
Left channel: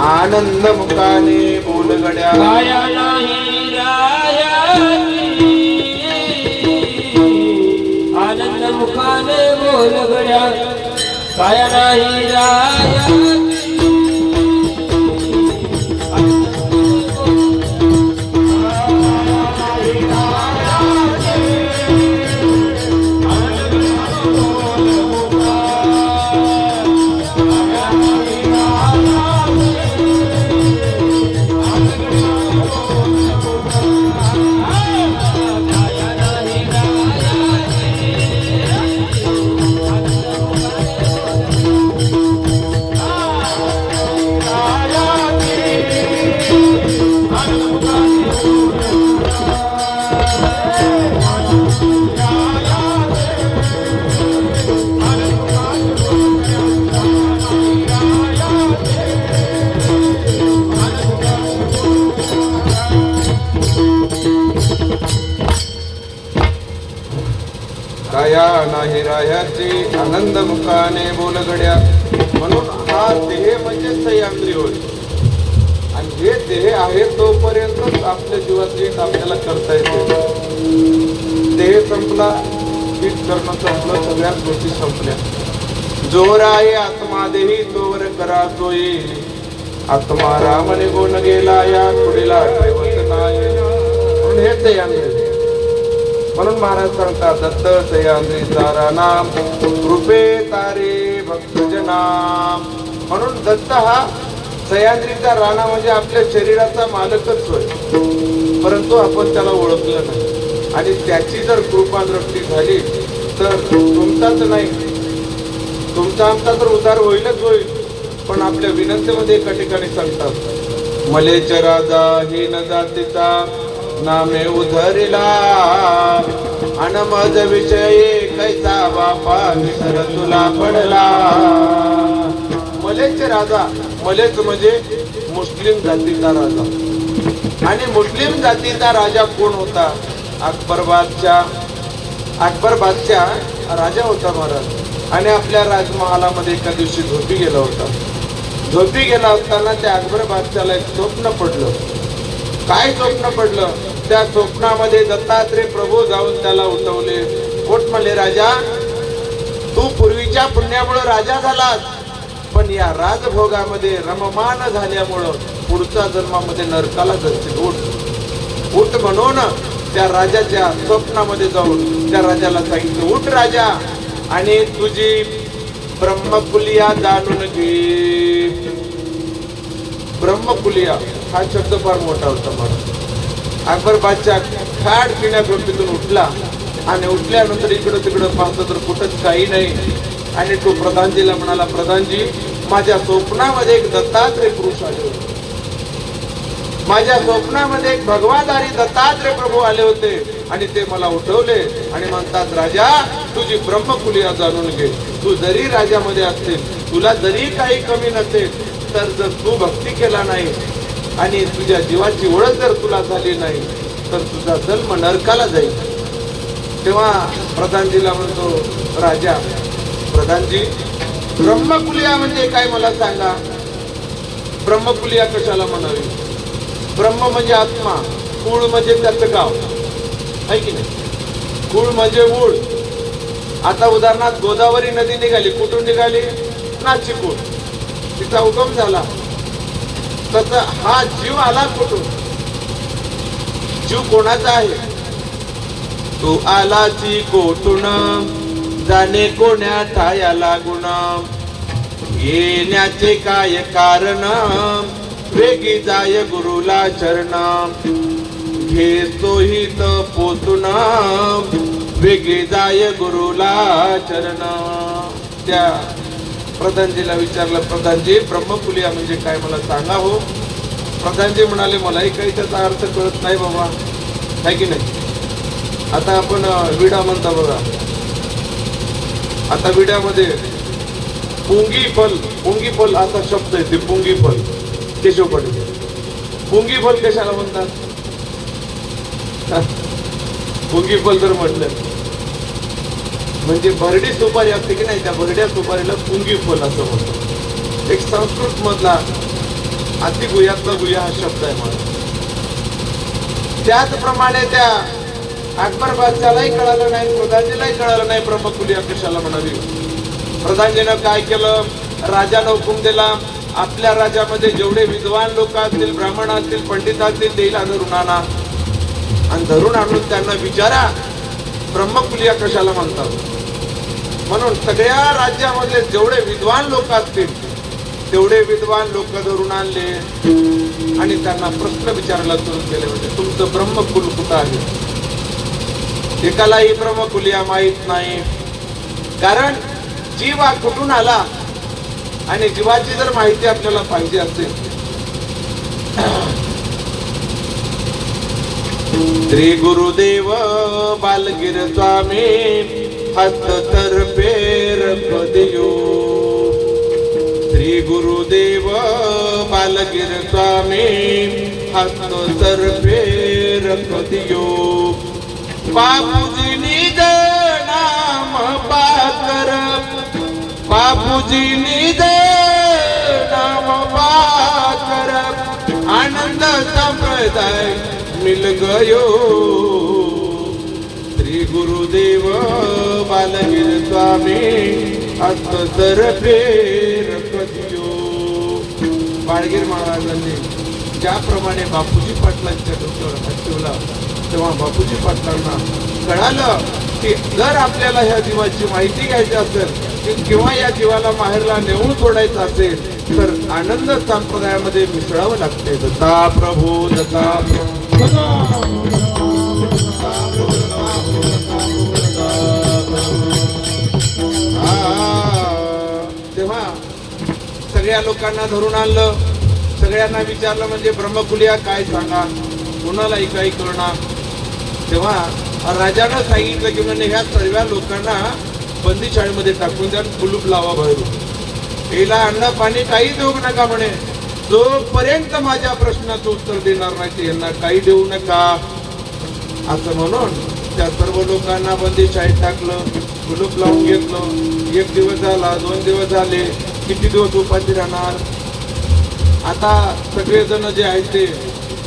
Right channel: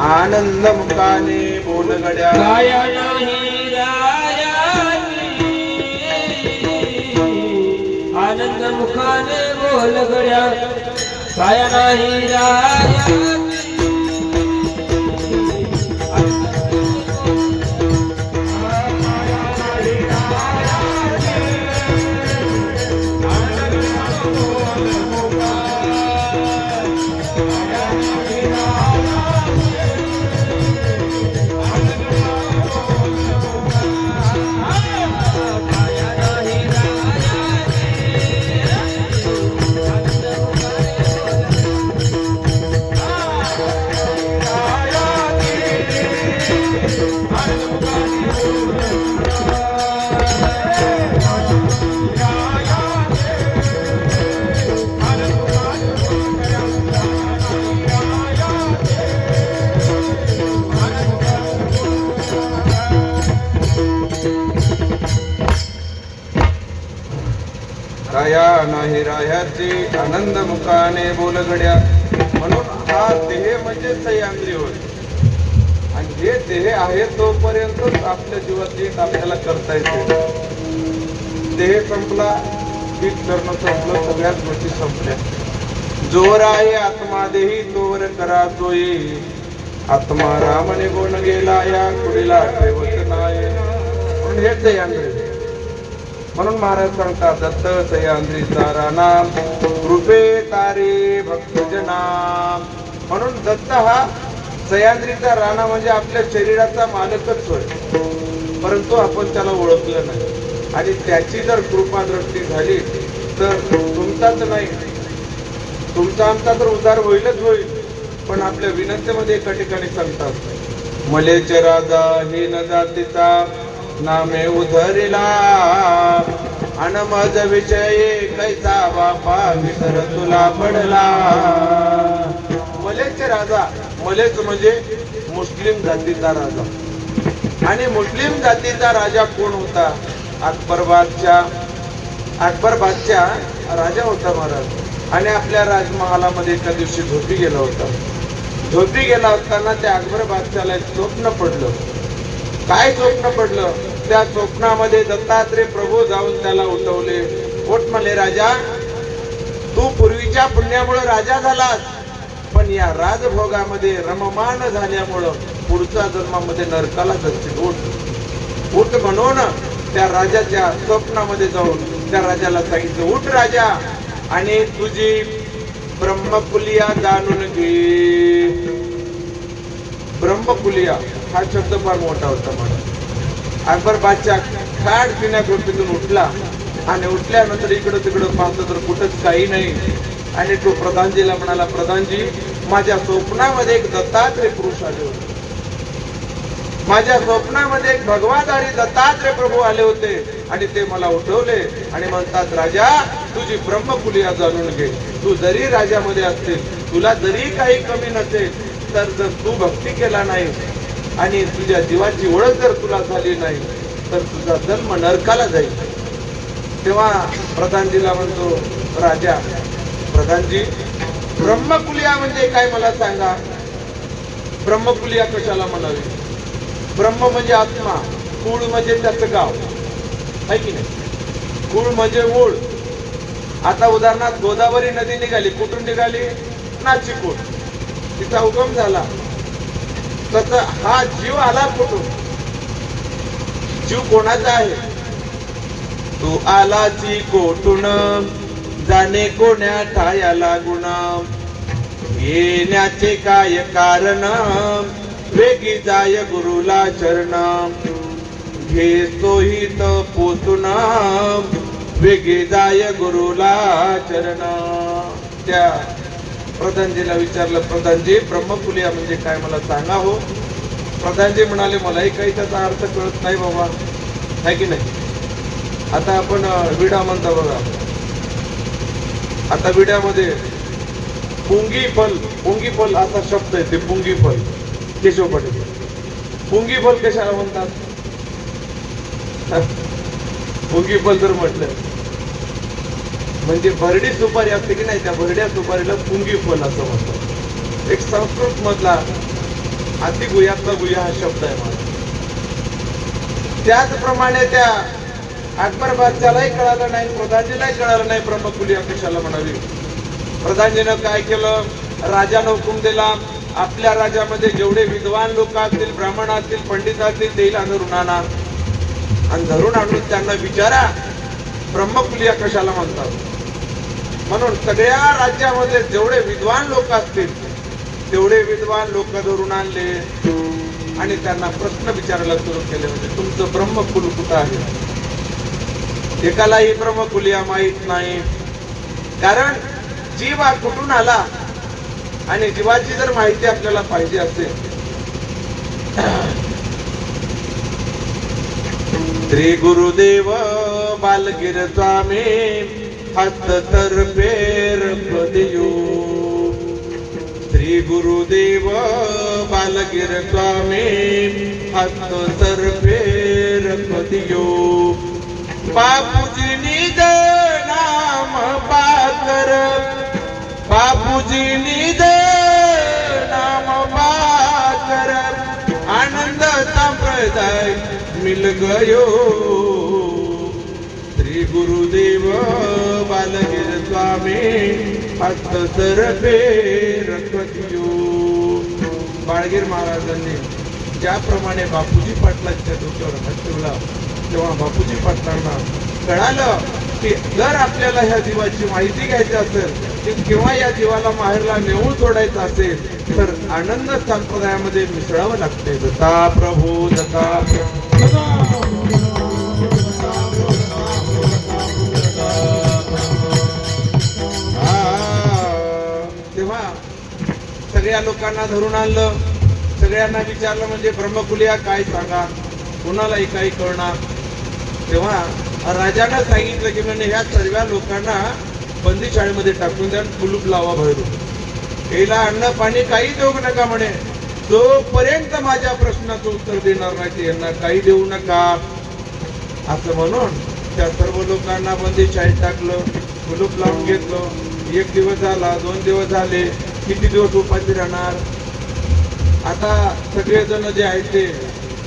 आनंद मुखाने बोलगड्या. काया नाही रायाची आनंद मुखाने बोलगड्या. काया नाही रायाची राया नाही रायाचे आनंद मुखाने बोलगड्या. म्हणून हा देह म्हणजे सह्याद्री होय. आणि हे देह आहे तोपर्यंत आपल्या जीवातली आपल्याला करता येते. देह संपला की करणं संपलं, सगळ्यात गोष्टी संपल्या. जोर आहे आत्मा देही तोवर करा तोही. आत्मा रामने कोण गेला या पुढीला ठेवत नाही. म्हणून हे सह्याद्री. म्हणून महाराज सांगतात दत्त सह्याद्रीचा राणा कृपे तारे भक्तजनाम. म्हणून दत्त हा सह्याद्रीचा राणा म्हणजे आपल्या शरीराचा मालकच होय. परंतु आपण त्याला ओळखलं नाही. आणि त्याची जर कृपा दृष्टी झाली तर तुमचाच नाही, तुमचा आमचा तर उद्धार होईलच होईल. पण आपल्या विनंतीमध्ये एका ठिकाणी सांगतात मलेच राजा हे न जातीचा नामे उधरिला. अन मज विषय कैसा बापा विसर तुला पडला. मलेच राजा, मलेच म्हणजे मुस्लिम जातीचा राजा. आणि मुस्लिम जातीचा राजा कोण होता? अकबर बादशाह. अकबर बादशाह राजा होता महाराज. आणि आपल्या राजमहालामध्ये एका दिवशी झोपी गेला होता. झोपी गेला असताना त्या अकबर बादशाहला एक स्वप्न पडलं. काय स्वप्न पडलं? त्या स्वप्नामध्ये दत्तात्रय प्रभू जाऊन त्याला उठवले. उठ म्हणले राजा, तू पूर्वीच्या पुण्यामुळे राजा झालास, पण या राजभोगामध्ये रममान झाल्यामुळं पुढच्या जन्मामध्ये नरकाला जाशील. उठ उठ म्हणून त्या राजाच्या स्वप्नामध्ये जाऊन त्या राजाला सांगितलं उठ राजा आणि तुझी ब्रह्मकुलिया जाणून घे. ब्रह्मकुलिया हा शब्द फार मोठा होता मला. अकबर बादशाह खाड पिण्याकृतीतून उठला आणि उठल्यानंतर इकडं तिकडं पाहतो तर कुठंच काही नाही. आणि तो प्रधानजीला म्हणाला प्रधानजी, माझ्या स्वप्नामध्ये एक दत्तात्रय पुरुष आले होते. माझ्या स्वप्नामध्ये एक भगवाधारी दत्तात्रय प्रभू आले होते आणि ते मला उठवले आणि म्हणतात राजा तुझी ब्रह्मकुलिया जाणून घे. तू जरी राजामध्ये असतील, तुला जरी काही कमी नसेल, तर जर तू भक्ती केला नाही आणि तुझ्या जीवाची ओळख जर तुला झाली नाही तर तुझा जन्म नरकाला जाईल. तेव्हा प्रधानजीला म्हणतो राजा, प्रधानजी ब्रह्मकुलिया म्हणजे काय मला सांगा. ब्रह्मकुलिया कशाला म्हणावी? ब्रह्म म्हणजे आत्मा, कुळ म्हणजे त्याचं गाव आहे की नाही. कुळ म्हणजे मूळ. आता उदाहरणार्थ गोदावरी नदी निघाली, कुठून निघाली? नाशिकहून, तिचा उगम झाला. तसं हा जीव आला कुठून? जीव कोणाचा आहे? तो आलाची कोठून, जाणे कोण्या ठाया लागून. येण्याचे काय कारण, वेगी जाय गुरुला चरण. घेतो हित पोचून, वेगी जाय गुरुला चरण. त्या प्रधानजीला विचारलं, प्रधानजी ब्रह्मकुलिया म्हणजे काय मला सांगा हो. प्रधानजी म्हणाले मलाही काही त्याचा अर्थ कळत नाही बाबा, आहे की नाही. आता आपण विडा म्हणता बघा. आता विड्यामध्ये पुंगी फल असा शब्द आहे. ते पुंगी फल केशव पाटील. पुंगी फल कशाला म्हणतात? पुंगी फल जर म्हटलं म्हणजे भरडी सुपारी असते की नाही, त्या भरड्या सुपारीला पुंगी फल असं म्हणतात. एक संस्कृत मधला अति गुह्यातला गुह्या हा शब्द आहे मला. त्याचप्रमाणे त्या अकबर बादशालाही कळालं नाही, प्रधानजीलाही कळालं नाही ब्रह्मकुलिया कशाला म्हणावी. प्रधानजीनं काय केलं, राजानं हुकूम दिला, आपल्या राज्यामध्ये जेवढे विद्वान लोक असतील, ब्राह्मण असतील, पंडित असतील, तेला धरून आणा आणि धरून आणून त्यांना विचारा ब्रह्मकुलिया कशाला म्हणतात. म्हणून सगळ्या राज्यामध्ये जेवढे विद्वान लोक असतील तेवढे विद्वान लोक धरून आणले आणि त्यांना प्रश्न विचारायला सुरू केले. म्हणजे तुमचं ब्रह्मकुल कुठं आहे? एकालाही ब्रह्मकुलिया माहित नाही. कारण जीव हा कुठून आला आणि जीवाची जर माहिती आपल्याला पाहिजे असेल, श्री गुरुदेव बालगिर स्वामी हस्त तर्फे रखदियो. श्री गुरुदेव बालगिर स्वामी हस्त तर्फे रखदियो. बापूजी निज नाम पाकर, बापूजी निज नाम पाकर, आनंद संप्रदाय मिल गयो. श्री गुरुदेव बालगिर स्वामी हस्त तर्फे रखदियो. बाळगीर महाराजांनी ज्याप्रमाणे बापूजी पाटलांच्या डोक्यावर हात ठेवला, तेव्हा बापूजी पाटलांना कळालं की जर आपल्याला ह्या जीवाची माहिती घ्यायची असेल किंवा या जीवाला माहेरला नेऊन सोडायचं असेल तर आनंद संप्रदायामध्ये मिसळावं लागते. जसा प्रभू जसा तेव्हा सगळ्या लोकांना धरून आणलं, सगळ्यांना विचारलं म्हणजे ब्रह्मकुलिया काय सांगा, कोणालाही काही कळणार. तेव्हा राजानं सांगितलं की म्हणजे ह्या सर्व लोकांना बंदीशाळेमध्ये टाकून द्या, कुलूप लावा भरून, याला अन्न पाणी काही देऊ नका म्हणे. जोपर्यंत माझ्या प्रश्नाचं उत्तर देणार नाही यांना काही देऊ नका असं म्हणून त्या सर्व लोकांना बंदीशाळेत टाकलं, कुलूप लावून घेतलं. 1 दिवस झाला, 2 दिवस झाले, किती दिवस उपाशी राहणार. आता सगळेजण जे आहेत ते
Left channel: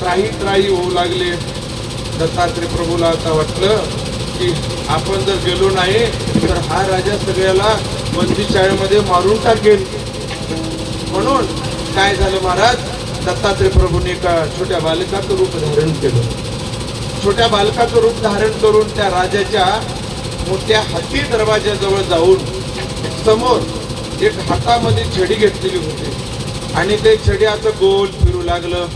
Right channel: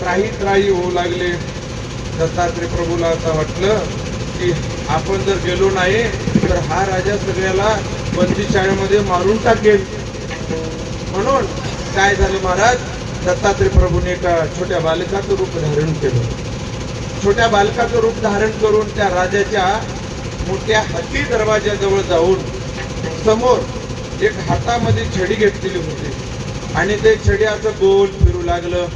त्राही होऊ लागले. दत्तात्रय प्रभूला आता वाटलं की आपण जर गेलो नाही तर हा राजा सगळ्याला बंदीशाळेमध्ये मारून टाकेल. म्हणून काय झालं महाराज, दत्तात्रय प्रभूने एका छोट्या बालकाचं रूप धारण केलं. छोट्या बालकाचं रूप धारण करून त्या राजाच्या मोठ्या हाती दरवाजाजवळ जाऊन समोर एक हातामध्ये छडी घेतलेली होती आणि ते छडी असं गोल फिरू लागलं.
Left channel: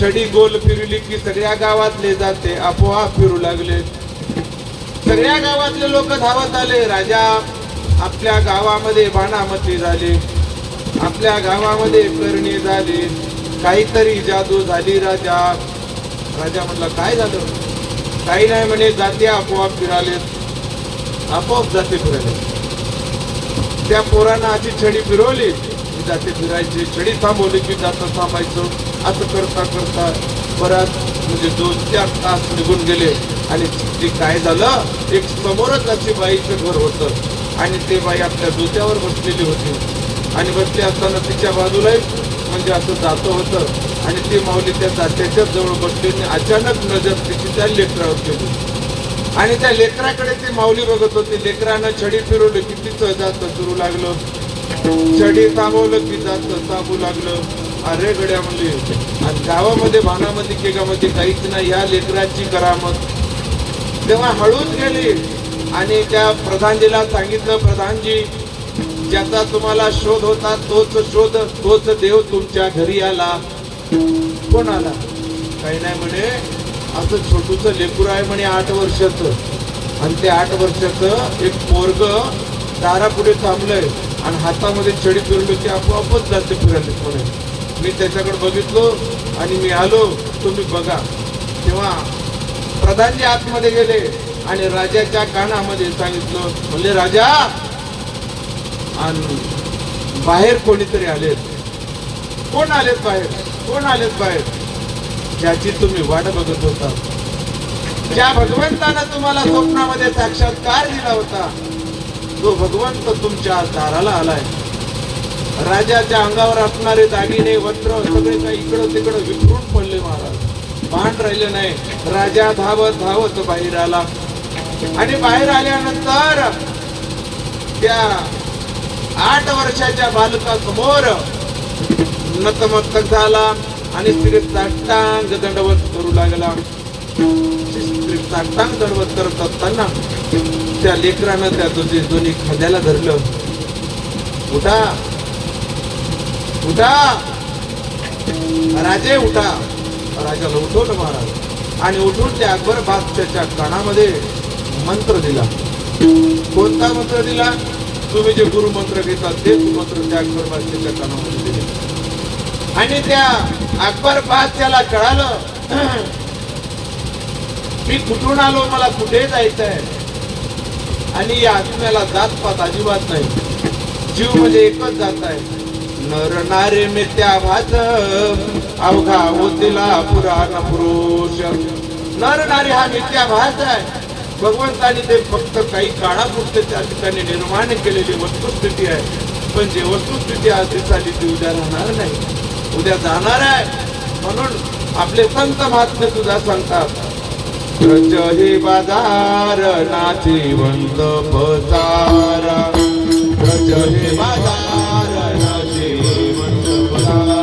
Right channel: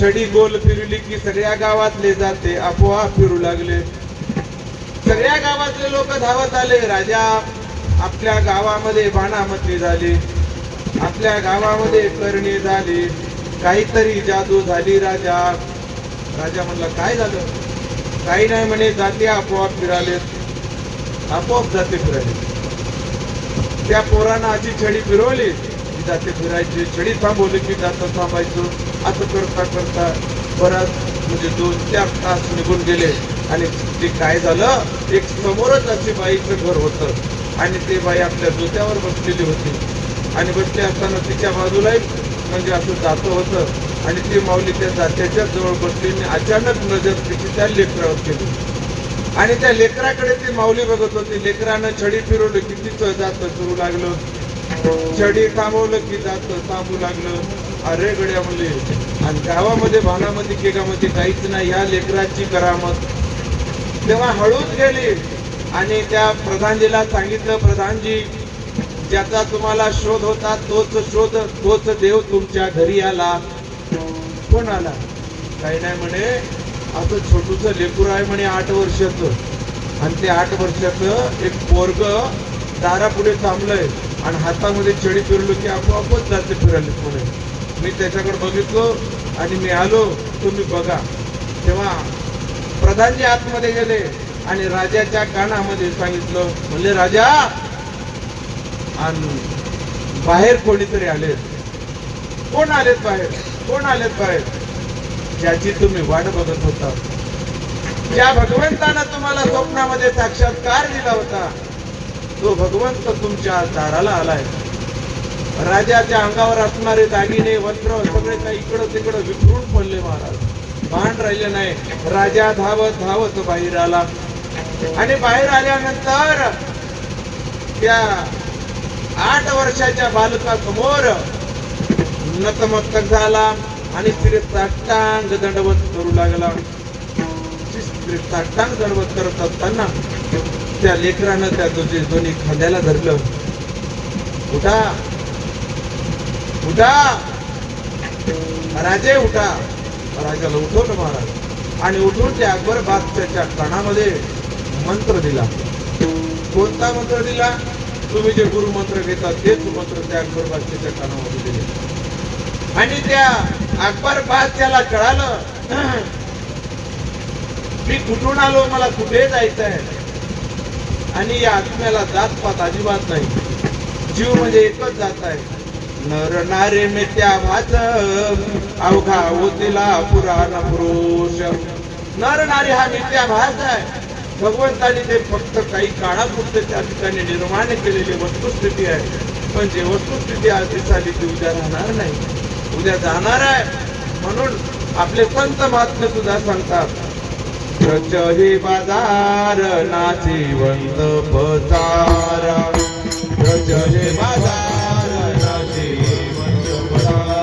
छडी गोल फिरली की सगळ्या गावातले जाते आपोआप फिरू लागले. सगळ्या गावातले लोक धावत आले. राजा आपल्या गावामध्ये बाणामती झाली, आपल्या गावामध्ये करणी झाली, काहीतरी जादू झाली. राजा म्हणला काय झालं? काही नाही म्हणे, जाते आपोआप फिराले, आपोआप जाते फिराले. त्या पोरानं अशी छडी फिरवली, जाते फिरायची, छडी थांबवली की जाता थांबायचं. असं करता करता बराच म्हणजे 2-4 तास निघून गेले आणि ते काय झालं, एक समोरच अशी बाईचं घर होतं आणि ते बाई आपल्या डोक्यावर बसलेली होती आणि बसली असताना तिच्या बाजूला म्हणजे असं जातं होतं आणि ती माऊली त्या जात्याच्या जवळ बसली आणि अचानक नजर तिची त्या लेकरावर गेली आणि त्या लेकराकडे ती माऊली बघत होती. लेकरानं छडी फिरवली की तिचं जातं सुरू लागलं, छडी थांबवलं की जातं थांबू लागलं. अरे गड्या म्हणले, आणि गावामध्ये भानामध्ये केगामध्ये काहीच नाही, या लेकराची करामत. तेव्हा हळूच गेली आणि त्या प्रधानजीला सांगितलं, प्रधानजी ज्याचा तुम्हाला शोध होता तोच देव तुमच्या घरी आला. कोण आला? काही नाही म्हणे, असं छोटूच लेकरू आहे म्हणे 8 वर्षाचं आणि ते 8 वर्षाचं एक पोरग दारापुढे थांबलंय आणि हातामध्ये छडी फिरलो की आपोआपच जाते फिरायला. थोडे मी त्याच्याकडे बघितलो आणि मी आलो, तुम्ही बघा. तेव्हा प्रधानजी आतमध्ये गेले आणि राजाच्या कानामध्ये सांगितलं, म्हणले राजा आणि बाहेर कोणीतरी आले कोण आलेत बाहेर, कोण आलेत बाहेर? ज्याची तुम्ही वाट बघत होता, ज्या भगवंतानं तुम्हाला स्वप्नामध्ये साक्षात्कार दिला होता, तो भगवंत तुमच्या दाराला आलाय. राजाच्या अंगावर असणारे दागिने वस्त्र सगळे काही इकडं तिकडं विखरून पडले महाराज. भान राहिलं नाही. राजा धावत धावत बाहेर आला आणि बाहेर आल्यानंतर त्या 8 वर्षाच्या बालकासमोर नतमस्तक झाला आणि स्त्री साष्टांग दंडवत करू लागला. स्त्री साष्टांग दंडवत करत असताना त्या लेकरानं त्या दोन्ही खांद्याला धरलं. उठा उठा राजे उठा. राजाला उठवलं महाराज आणि उठून त्या अकबर बादशाहच्या कानामध्ये मंत्र दिला. कोणता मंत्र दिला? तुम्ही जे गुरु मंत्र घेतात तेच मंत्र त्या अकबर बादशाहच्या कानामध्ये दिले. आणि त्या अकबर बादशाहला कळालं मी कुठून आलो, मला कुठे जायचं आहे. आणि या आत्म्याला जात पात अजिबात नाही. जीव म्हणजे एकच जात आहे. नर नारे मित्या भात अवघा होतीला पुराण पुरुष. नर नारी हा मित्या भात आहे. भगवंताने ते फक्त काही काळापुरते त्या ठिकाणी निर्माण केलेली वस्तुस्थिती आहे. पण जे वस्तुस्थिती आज दिसाली ती उद्या राहणार नाही, उद्या जाणार आहे. म्हणून आपले संत महात्मे सुद्धा सांगतात रच हे बाजार नाशिवंत पसारा. रच हे बाजार नाशिवंत पसारा.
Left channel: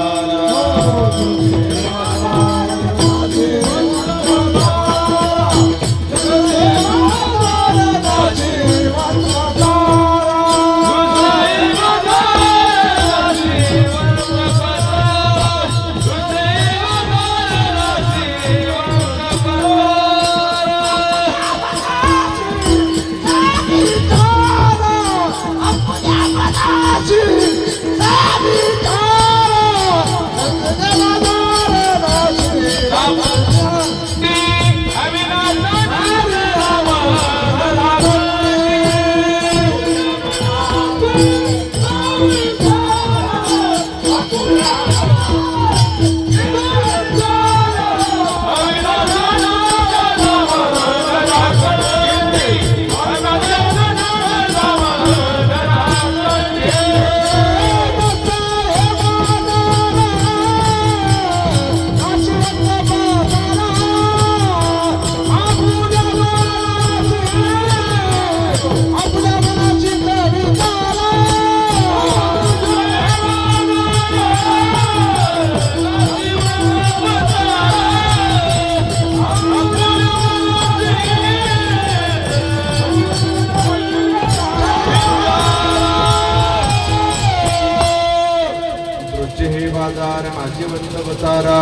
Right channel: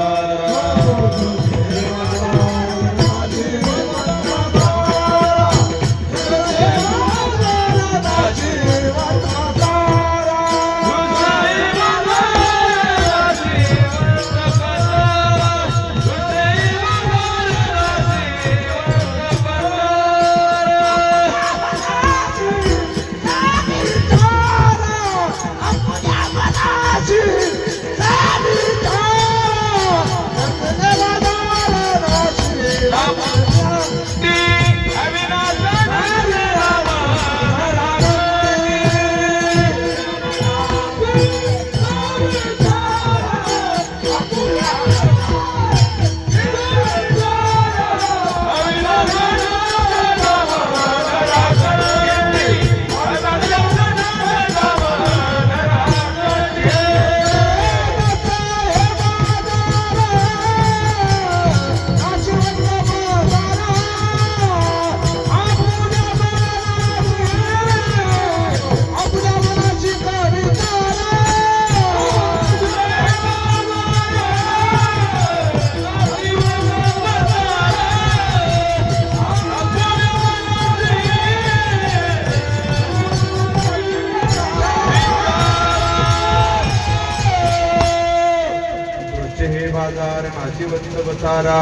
हे बाजार नाशिवंत बसारा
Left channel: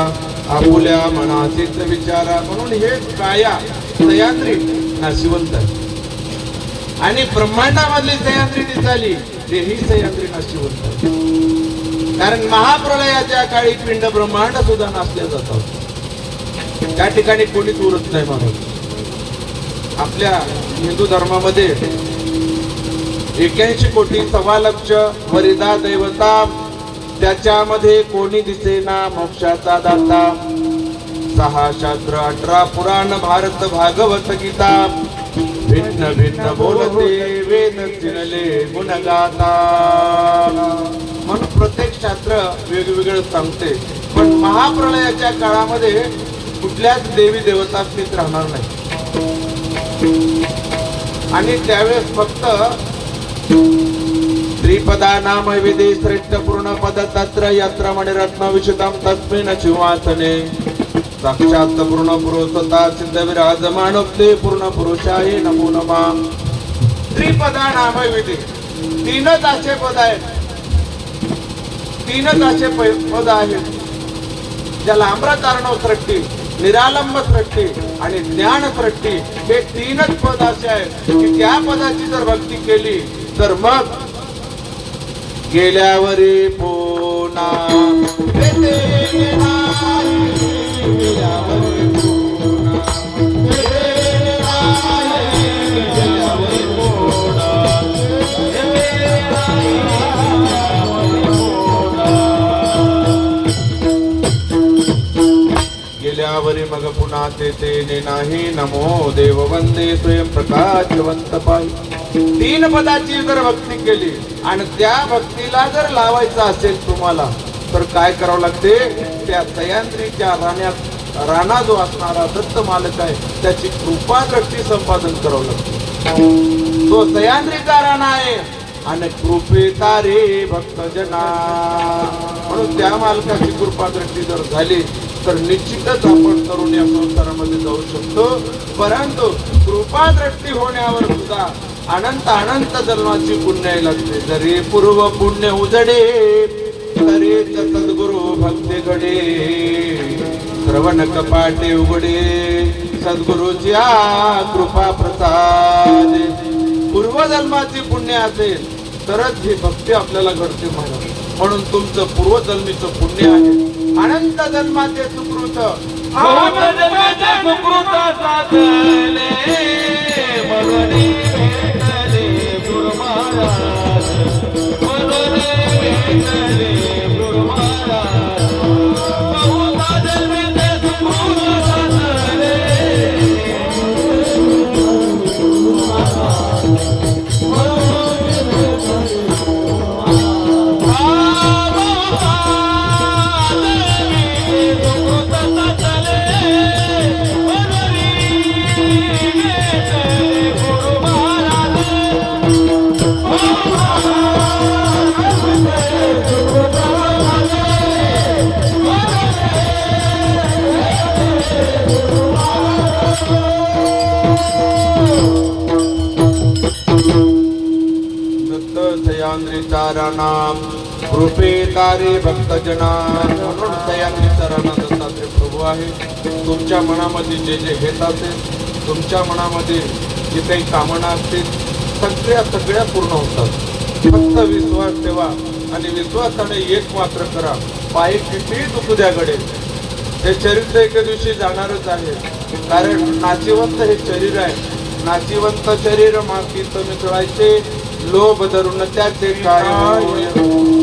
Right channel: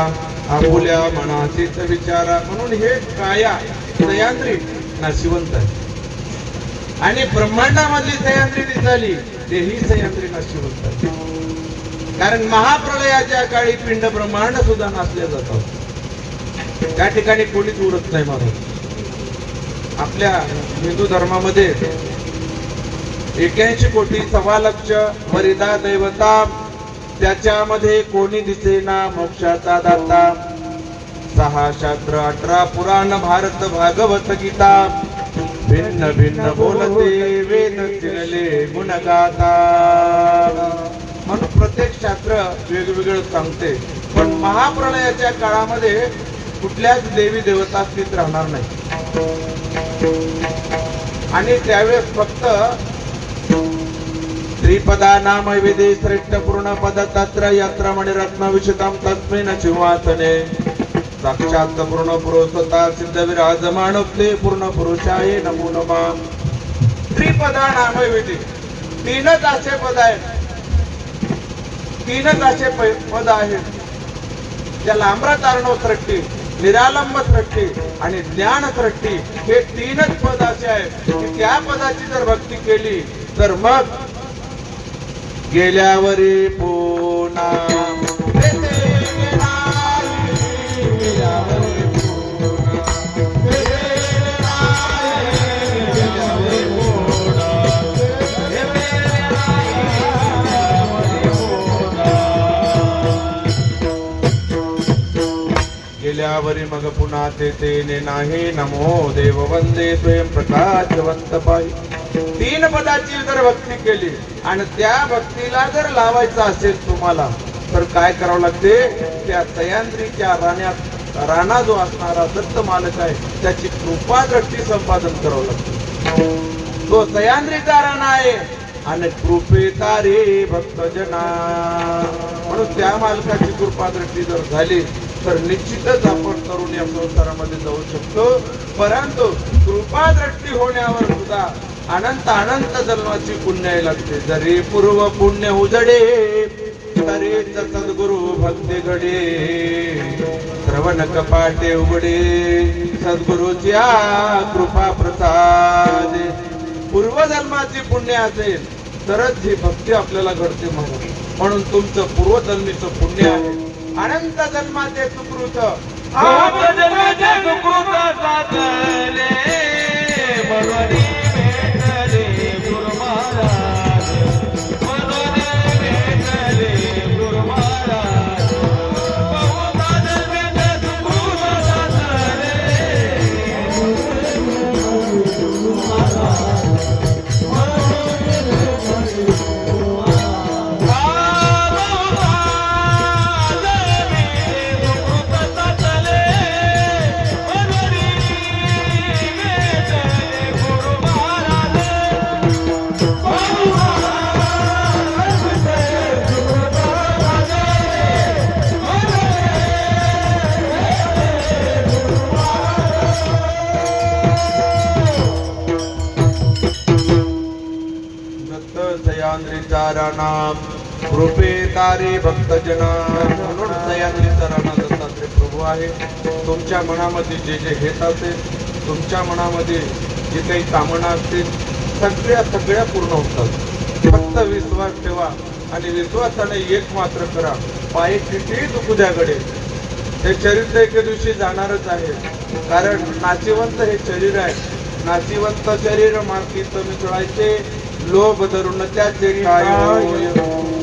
आपुल्या मनाचीच विचारा. म्हणून हे काया सह्याद्री नाशिवंत आहे आणि ब्रह्मांडामधली सह्याद्री निघाली तेही सह्याद्री नाशिवंत आहे. कारण महाप्रलयाच्या काळी पिंड ब्रह्मांड सुद्धा नाचल्या जातात. त्या ठिकाणी कोणीच उरत नाही महाराज. आपल्या हिंदू धर्मामध्ये 81 कोटी 1.25 लक्ष वरिदा दैवता, त्याच्यामध्ये कोणी दिसेना मोक्षाचा दाता. 6 शास्त्र 18 पुराण भारत भागवत गीता, भिन्न भिन्न बोलते वेद चिनले गुणगाता. म्हणून प्रत्येक शास्त्र वेगवेगळं सांगते. पण महाप्रलयाच्या काळामध्ये कुठल्याच देवी देवता अस्तित्व राहणार नाही. आणि त्यावेळेस फक्त त्रिपदा नाम विधि श्रेष्ठ पूर्ण पद तत्र यत्र मणिरत्न विशुद्धम तस्मिन् सिंहासने साक्षात पूर्ण पुरुषता सिद्ध विराजमानते पूर्ण पुरुषाय नमो नमः. त्रिपदा नाम विधि, 3च असे पद आहेत. 3च असे पद आहेत ज्याला अमृत अर्णव सृष्टी, निरालंब सृष्टी आणि ज्ञान सृष्टी हे 3च पद असे आहेत की त्या पदाची जर भक्ती केली तर मग गेल्यावरी पुन्हा बोलल्यावरी मग पुन्हा तेने नाही. नमो देव वंदे स्वयं प्रकाशवंत पायी. 3 पदाची जर भक्ती केली आणि त्या भक्तीला जर लावायचं असेल तुम्हाला तर काय करावं लागते? त्या सह्याद्रीच्या राणा जो असणारा दत्त मालक आहे त्याची कृपा दृष्टी संपादन करावं लागते. तो सह्याद्रीचा राणा आहे आणि कृपेचा रे भक्तजना. म्हणून त्या मालकाची कृपा दृष्टी जर झाली तर निश्चितच आपण तरुण या संसारामध्ये जाऊ शकतो. परंतु कृपा दृष्टी होण्यावर सुद्धा अनंत जन्माची पुण्य लागते. जरी पूर्व पुण्य उजडे तरी सद्गुरु भक्ती घडे. श्रवण कपाटे उघडे सद्गुरूच्या कृपा प्रसाद. पूर्वजन्माची पुण्य असेल तरच ही भक्ती आपल्याला घडते. म्हणून तुमचं पूर्वजन्मीचं पुण्य आहे. अनंत जन्माचे सुकृत साधले मरुनी भेटले गुरु महाराज. मरुनी भेटले गुरु महाराज. बहुधा जन्मीचे सुकृत साधले गुरु महाराज. नाम कृपे तारे भक्तजना. म्हणून सह्याद्रीचा राणा दत्तात्रय प्रभू आहे. तुमच्या मनामध्ये जे जे हेत असेल, तुमच्या मनामध्ये जे काही कामना असतील सगळ्या पूर्ण होतात. फक्त विश्वास ठेवा आणि विश्वासाने एक मात्र करा. पायी किती दुखू द्या घडे. हे शरीर एके दिवशी जाणारच आहे. कारण नाशिवंत हे शरीर आहे. नाशिवंत शरीर मातीत मिसळायचे लोभ धरून त्याचे काय.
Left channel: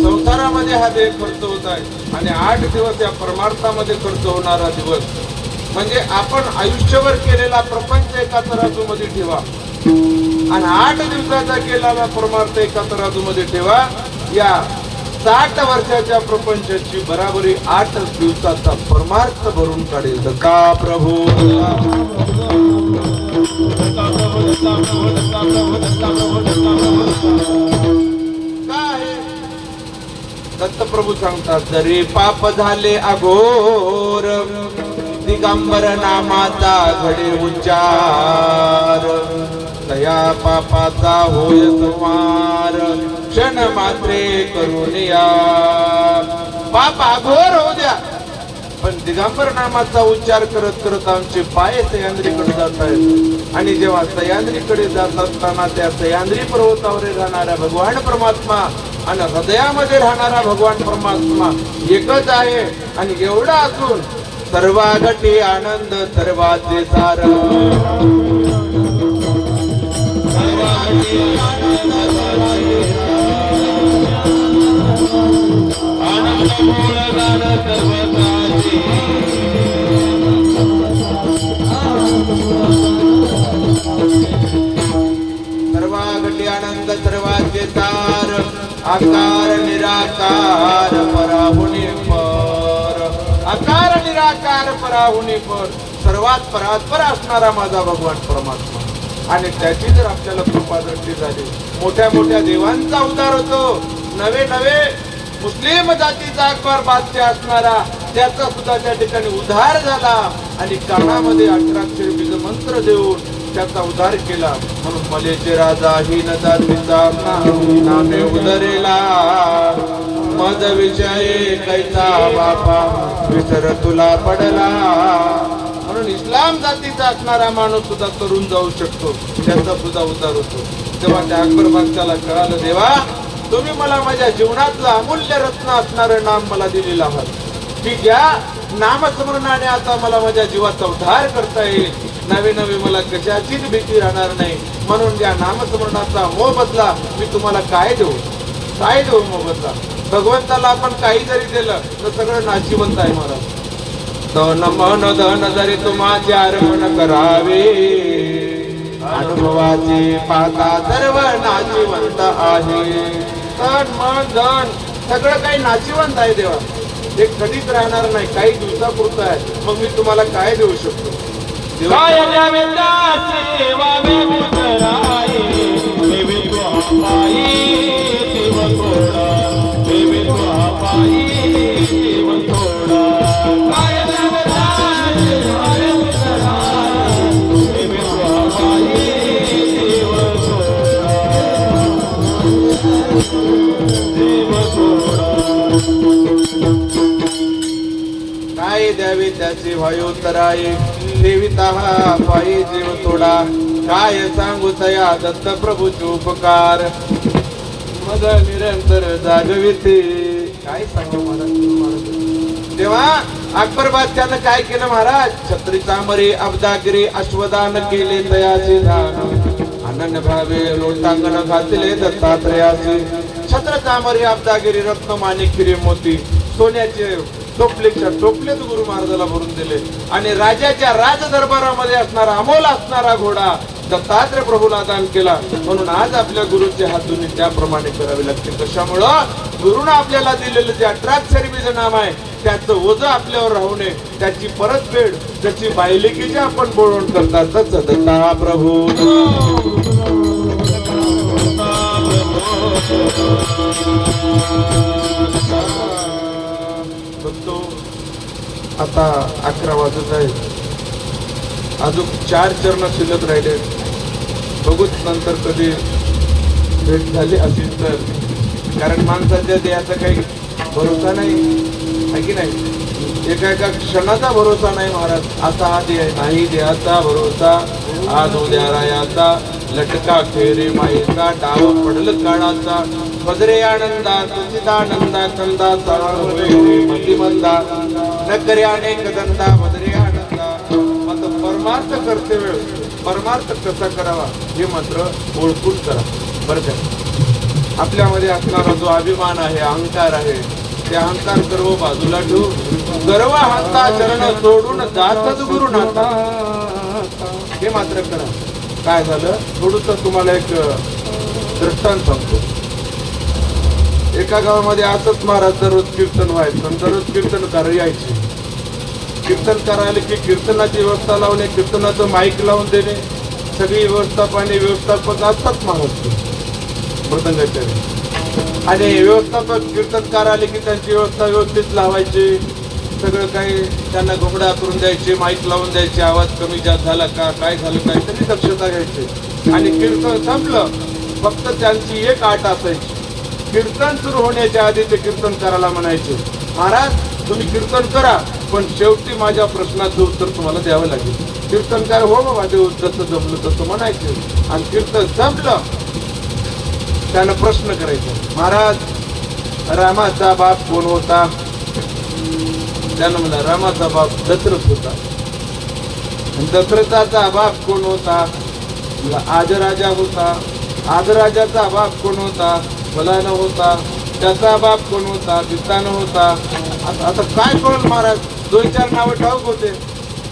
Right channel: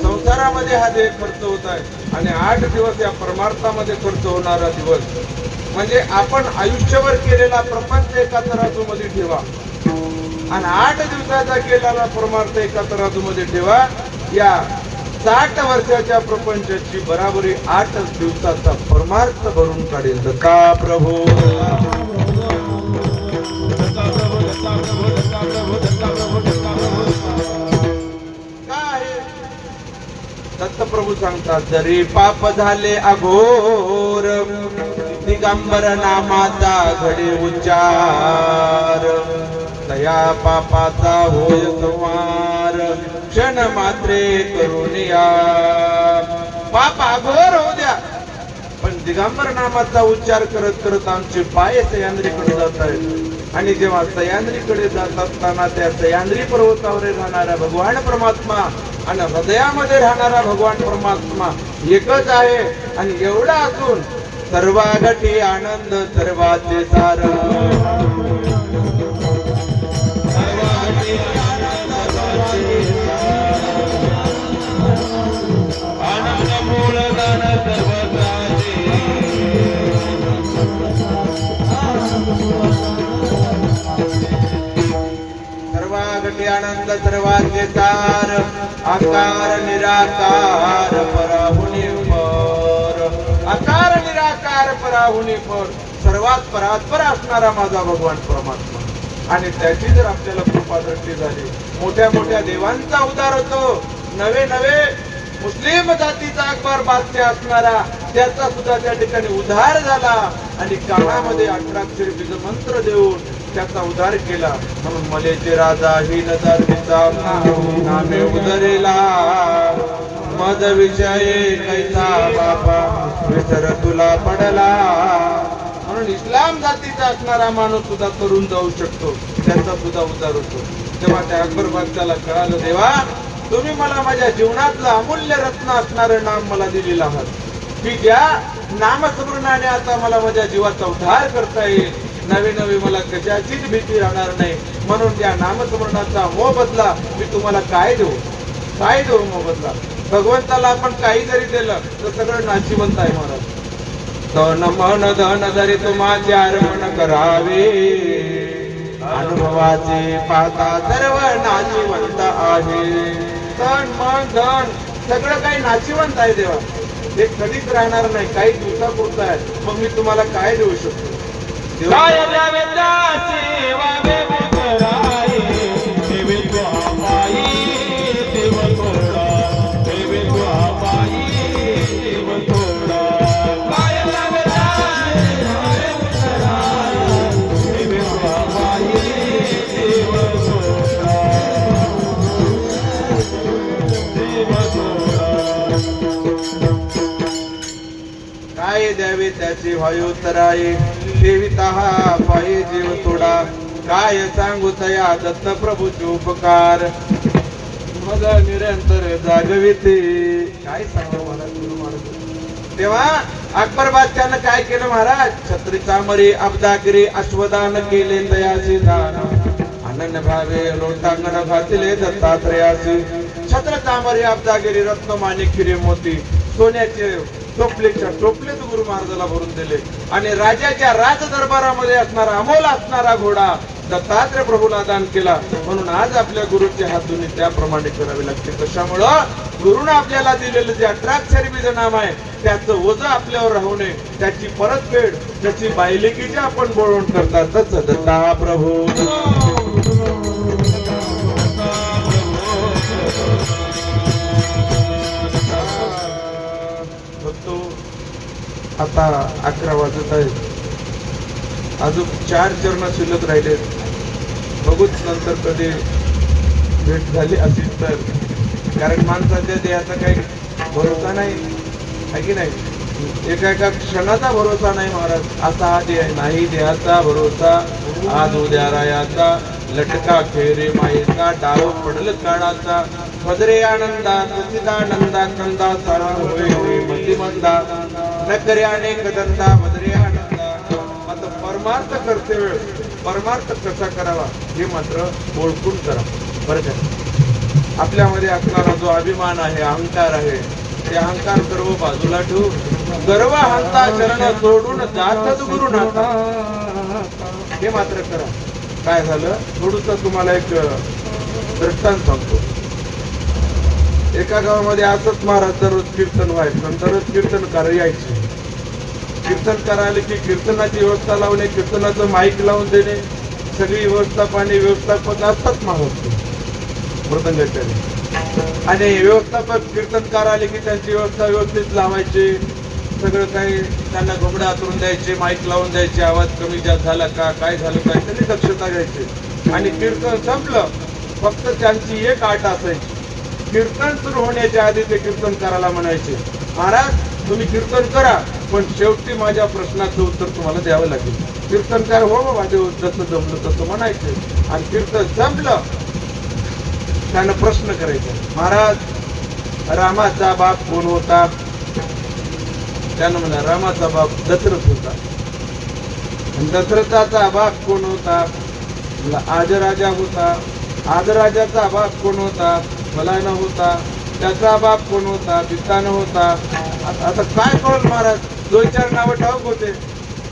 संसारामध्ये हा देह खर्च होत आहे आणि 8 दिवस या परमार्थामध्ये खर्च होणारा दिवस म्हणजे आपण आयुष्यभर केलेला प्रपंच एका तराजूमध्ये ठेवा आणि 8 दिवसाचा केलेला परमार्थ एका तराजूमध्ये ठेवा. या 60 वर्षाच्या प्रपंचाची बराबरी 8 दिवसाचा परमार्थ भरून काढेल. दत्ता प्रभू दत्तप्रभू सांगतात. जरी पाप झाले अघोर दिगंबर नामाचा घडे उच्चार. दया पापाचा होय संहार क्षण मात्रे करून या. पाप अघोर होऊ द्या पण दिगंबर नामाचा उच्चार करत करत आमचे पाय सह्याद्रीकडे जात आहेत. आणि जेव्हा सह्याद्रीकडे जात असताना त्या सह्याद्री पर्वतावर राहणारा भगवान परमात्मा आणि हृदयामध्ये राहणारा भगवान परमात्मा एकच आहे. आणि एवढा असून सर्वागती आनंद सर्वाचे सार. सर्वागती आनंद सर्वाचे सार. आकार निराकार पराहुनी पर. आकार निराकार पराहुनी पर. सर्वात परात्पर असणारा माझा भगवान परमात्मा. आणि त्याची जर आपल्याला कृपा दृष्टी झाली मोठ्या मोठ्या देवांचा उद्धार होतो. नवे मुस्लिम जातीचा अकबर बादशाह असणारा त्याचा सुद्धा त्या ठिकाणी उद्धार झाला. आणि कानामध्ये 18 अक्षर बीज मंत्र देऊन त्याचा उद्धार केला. म्हणून मलेचे राजा ही जातीचा नामे उदरेला. मद विषय कैसा बापा विसर तुला पडला. म्हणून इस्लाम जातीचा असणारा माणूस सुद्धा तरुण जाऊ शकतो. त्याचा सुद्धा उद्धार होतो. तेव्हा त्या अकबर बादशाहला कळालं देवा तुम्ही मला माझ्या जीवनातलं अमूल्य रत्न असणारं नाम मला दिलेलं आहात की ज्या नामस्मरणाने आता मला माझ्या जीवाचा उद्धार करता येईल. नवी मला कशाचीच भीती राहणार नाही. म्हणून या नामस्मरणाचा मोबदला मी तुम्हाला काय देऊ मोबदला. भगवंताला आपण काही जरी दिलं तर सगळं नाशिवंत आहे महाराज. तन मन धन जरी तुम्हाचे अर्पण करावे अनुभवाचे पाहता सर्व नाशिवंत आहे. तन मन धन सगळं काही नाशिवंत आहे देवा. हे कधीच राहणार नाही, काही दिवसापुरतं आहे. मग मी तुम्हाला काय देऊ शकतो? देवा काय द्यावे दासी वावे उतराई, देवे तो आपाई देव थोडा, देवे तो आपाई देव थोडा. काय द्यावे दासी वावे उतराई, देवे तो आपाई देव थोडा, देव थोडा. काय द्यावे त्याचे वायुतराये, ठेविता हा पायी जीव थोडा. काय सांगू तया दत्त प्रभूचे उपकार, मद निरंतर जागविते. काय सांगू मला तेव्हा अकबर बादशाहनं काय केलं महाराज? छत्री चामरे अब्दागिरी अश्वदान केले दयाचे दान, अनन्य भावे लोटांगण घातले दत्तात्रयाचे. छत्र चामरे अब्दागिरी रत्न माणिक हिरे मोती सोन्याचे टोपलेच्या टोपलेच गुरु महाराजाला भरून दिले. आणि राजाच्या राज दरबारामध्ये असणारा अमोल असणारा घोडा दत्तात्रय प्रभूला दान केला. म्हणून आज आपल्या गुरुच्या हातून त्याप्रमाणे करावे लागते. कशामुळं? गुरुनं आपल्याला दिलेलं जे 18 अक्षरी बीज नाम आहे त्याचं ओझं आपल्यावर राहू नये, त्याची परतफेड त्याची बायलेकीची आपण बोलवण करतात. तसं दत्ता प्रभू बघतो आता 11 वाजत आहेत, अजून 4 चरण शिल्लक राहिले. बघूच नंतर कधी भेट झाली असेल तर, कारण माणसाच्या देहाचा काही भरोसा नाही आहे की नाही. एका क्षणाचा भरोसा नाही महाराज. असा हा देह नाही, देहाचा भरोसा आज उद्या रायाचा, लटका खेरे मायेचा, डाव पडल काळाचा. भद्रे आनंदा सचिदानंदा कंदा सारा होय मतिमंदा, न करे अनेक दंदा भद्रे आनंदा. मात्र परमार्थ कर्तव्य, परमार्थ कसा करावा हे मात्र ओळखून करा बरं का. आपल्यामध्ये असणारा जो अभिमान आहे, अहंकार आहे, ते अहंकार सर्व बाजूला ठेवून गर्व हंता चरण सोडून जातच गुरु नाथा, हे मात्र करा. काय झालं? थोडंसं तुम्हाला एक दृष्टांत सांगतो. एका गावामध्ये असंच महाराज दररोज कीर्तन व्हायचं, दररोज कीर्तनकार यायचे. कीर्तनकार आले की कीर्तनाची व्यवस्था लावणे, कीर्तनाचं माईक लावून देणे, सगळी व्यवस्था पाणी व्यवस्थापक असतात महाराज मृदंगाचे. आणि व्यवस्थापक कीर्तनकार आले की त्यांची व्यवस्था व्यवस्थित लावायची, सगळं काही त्यांना घोंगडा करून द्यायचे, माईक लावून द्यायचे, आवाज कमी जास्त झाला का, काय झालं काय, त्यांनी दक्षता घ्यायची. आणि कीर्तन संपलं, फक्त त्यांची एक आट असायची. कीर्तन सुरू होण्याच्या आधी ते कीर्तनकाराला म्हणायचे, महाराज तुम्ही कीर्तन करा, पण शेवटी माझ्या प्रश्नाचं उत्तर तुम्हाला द्यावं लागेल. कीर्तनकार हो बाबा, जसं जमलं तसं म्हणायचे. आणि कीर्तन संपलं, त्यानं प्रश्न करायचा, महाराज रामाचा बाप कोण होता? त्यानं म्हणा रामाचा बाप दशरथ होता. दशरथाचा बाप कोण होता? आजराजा होता. आजराजाचा बाप कोण होता? फलान होता. त्याचा बाप कोण होता? पितान होता. आता काय कळ महाराज? 2-4 नावं ठाऊक होते.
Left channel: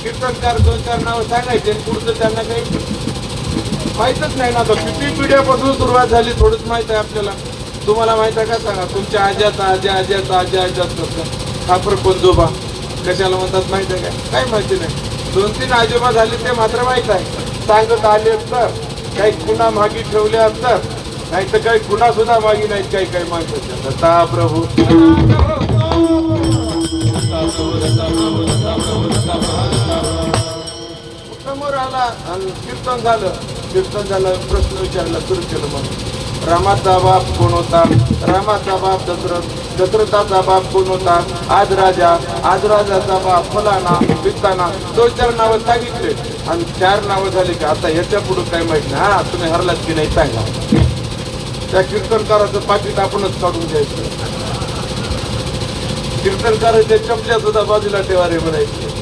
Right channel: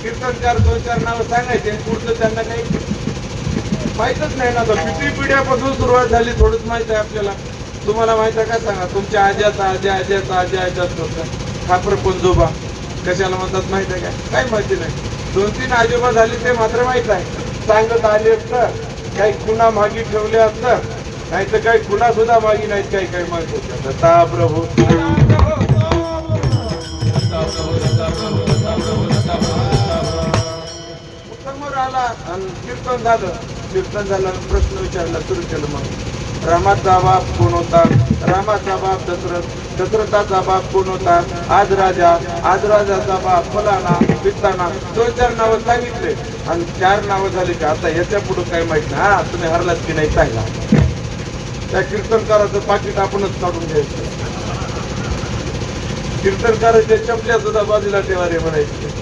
कीर्तनकार 2-4 नावं सांगायचे, पुढचं त्यांना काही माहीतच नाही ना. आता किती पिढ्यापासून सुरुवात झाली थोडंच माहित आहे आपल्याला. तुम्हाला माहित आहे का सांगा? तुमच्या आज्याचा आज्या आज्याचा आज्या आज्याच खापर पंजोबा कशाला म्हणतात माहित आहे का? काही माहिती नाही. 2-3 आजोबा झाले ते मात्र माहित आहे. सांगत आले असतं, काही खुणा मागी ठेवल्या असतात, नाही तर काही खुणा सुद्धा मागी नाहीत, काही काही मागे. दत्ता प्रभू समोर आला आणि कीर्तन झालं. कीर्तन झालं, प्रश्न विचारला, सुरू केलं. मग रामाचा बाप कोण होता? रामाचा बाप दशरथ. दशरथाचा बाप कोण होता? आजराजा. आजराजाचा बाप फलाना पिताना. 2-4 नावं सांगितले आणि 4 नावं झाली की आता याच्या पुढे काय माहित नाही. हा तुम्ही हरलात की नाही सांगा. त्या कीर्तनकाराचं पाकिट आपणच काढून द्यायचं. कीर्तनकाराच्या चपल्या सुद्धा बाजूला ठेवा रे म्हणायचे.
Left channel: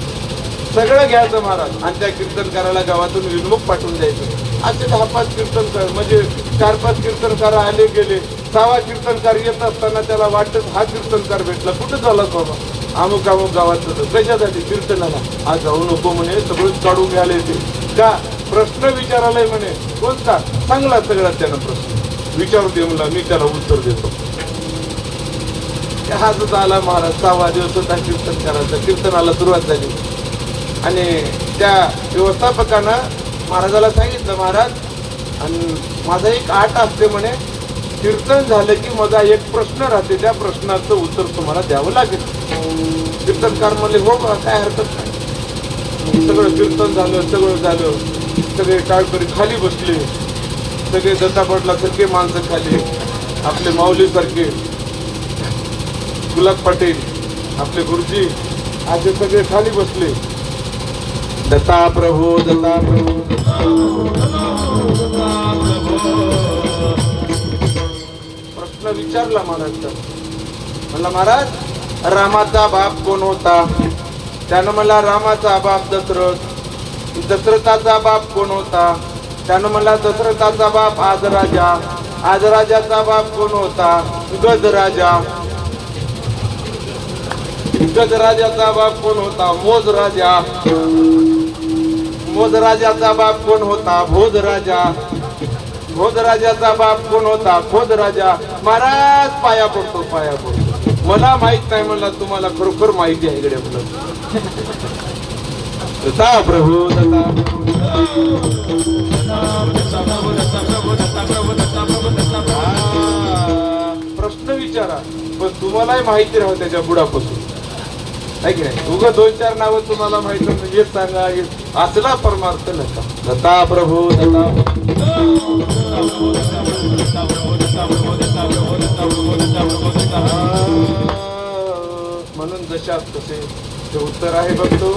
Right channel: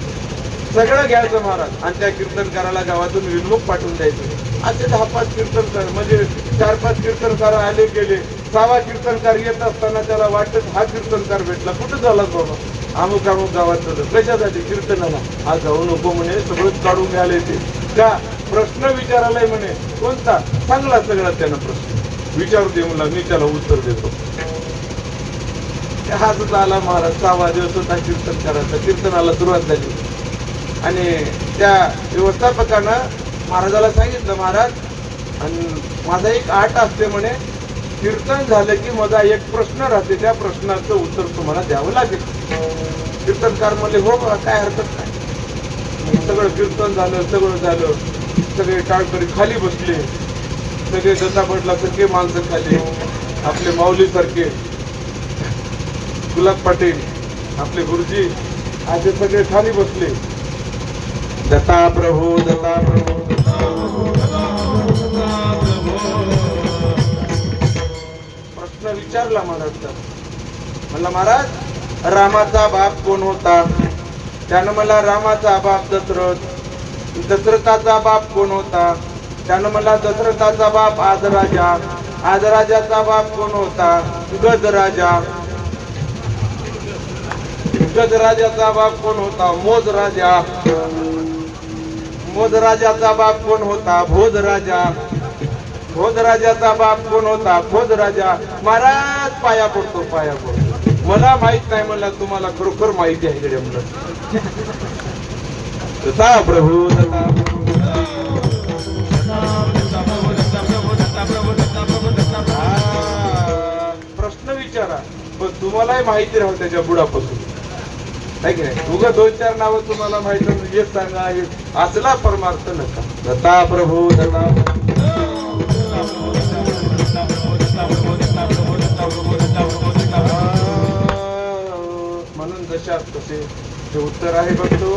सगळं घ्यायचं महाराज आणि त्या कीर्तनकाराला गावातून विनमुख पाठवून द्यायचे. असे 10-5 कीर्तनकार म्हणजे 4-5 कीर्तनकार आले गेले. 6वा कीर्तनकार येत असताना त्याला वाटत हा कीर्तनकार भेटला, कुठं झाला बाबा? अमुक अमुक गावात जातो कशासाठी कीर्तनाला आज जाऊ नको म्हणे सगळंच काढून घ्यायला येते का प्रश्न विचारायलाय म्हणे कोणता चांगला सगळा त्यानं प्रश्न विचारू दे मला मी त्याला उत्तर देतो हाच आला महाराज 6 दिवस होता कीर्तन करायचा कीर्तनाला सुरुवात झाली आणि त्या व्यवस्थापकानं महाराजाला सांगितलं महाराज आणि माझा एक आठ असते म्हणे कीर्तन झालं की माझा एक प्रश्न राहते त्या प्रश्नाचं उत्तर तुम्हाला द्यावं लागेल कीर्तनकार म्हणले हो का काय हरकत नाही सगळं कीर्तन झालं सगळं झालं सगळे टाळकरी खाली बसले सगळे दत्तापटलासारखे माणसं खाली आपले माऊली सारखे गुलाब पाटील आपले गुरुजी असे सगळे खाली बसले दत्ता प्रभू दत्ता प्रभू प्रश्न विचारला महाराज म्हणला महाराज रामाचा बाप कोण होता त्यानं मला रामाचा बाप दशरथ दशरथाचा बाप कोण होता त्यानं मला दशरथाचा बाप आदराजा आदराजाचा बाप कोण होता गजराजा गजराजाचा बाप कोण होता मोजराजा मोजराजाचा बाप कोण होता भोजराजा भोजराजाचा बाप कोण होता भोजराजा महाराज पाया पडतो मला माहित नाही म्हणला तुम्हाला खरोखर माहिती आहे इकडे म्हणलं दत्ता प्रभू प्रश्न विचारा पण तुम्हालाही माहिती राहू त्याच्या बुडापासून आहे की नाही तुझं 2-4 नावं तुम्हाला माहिती म्हणजे हेच सांगा असला परमार्थ नका दत्ता प्रभू दत्ता म्हणून जशात तसे ते उत्तर आहे बघतो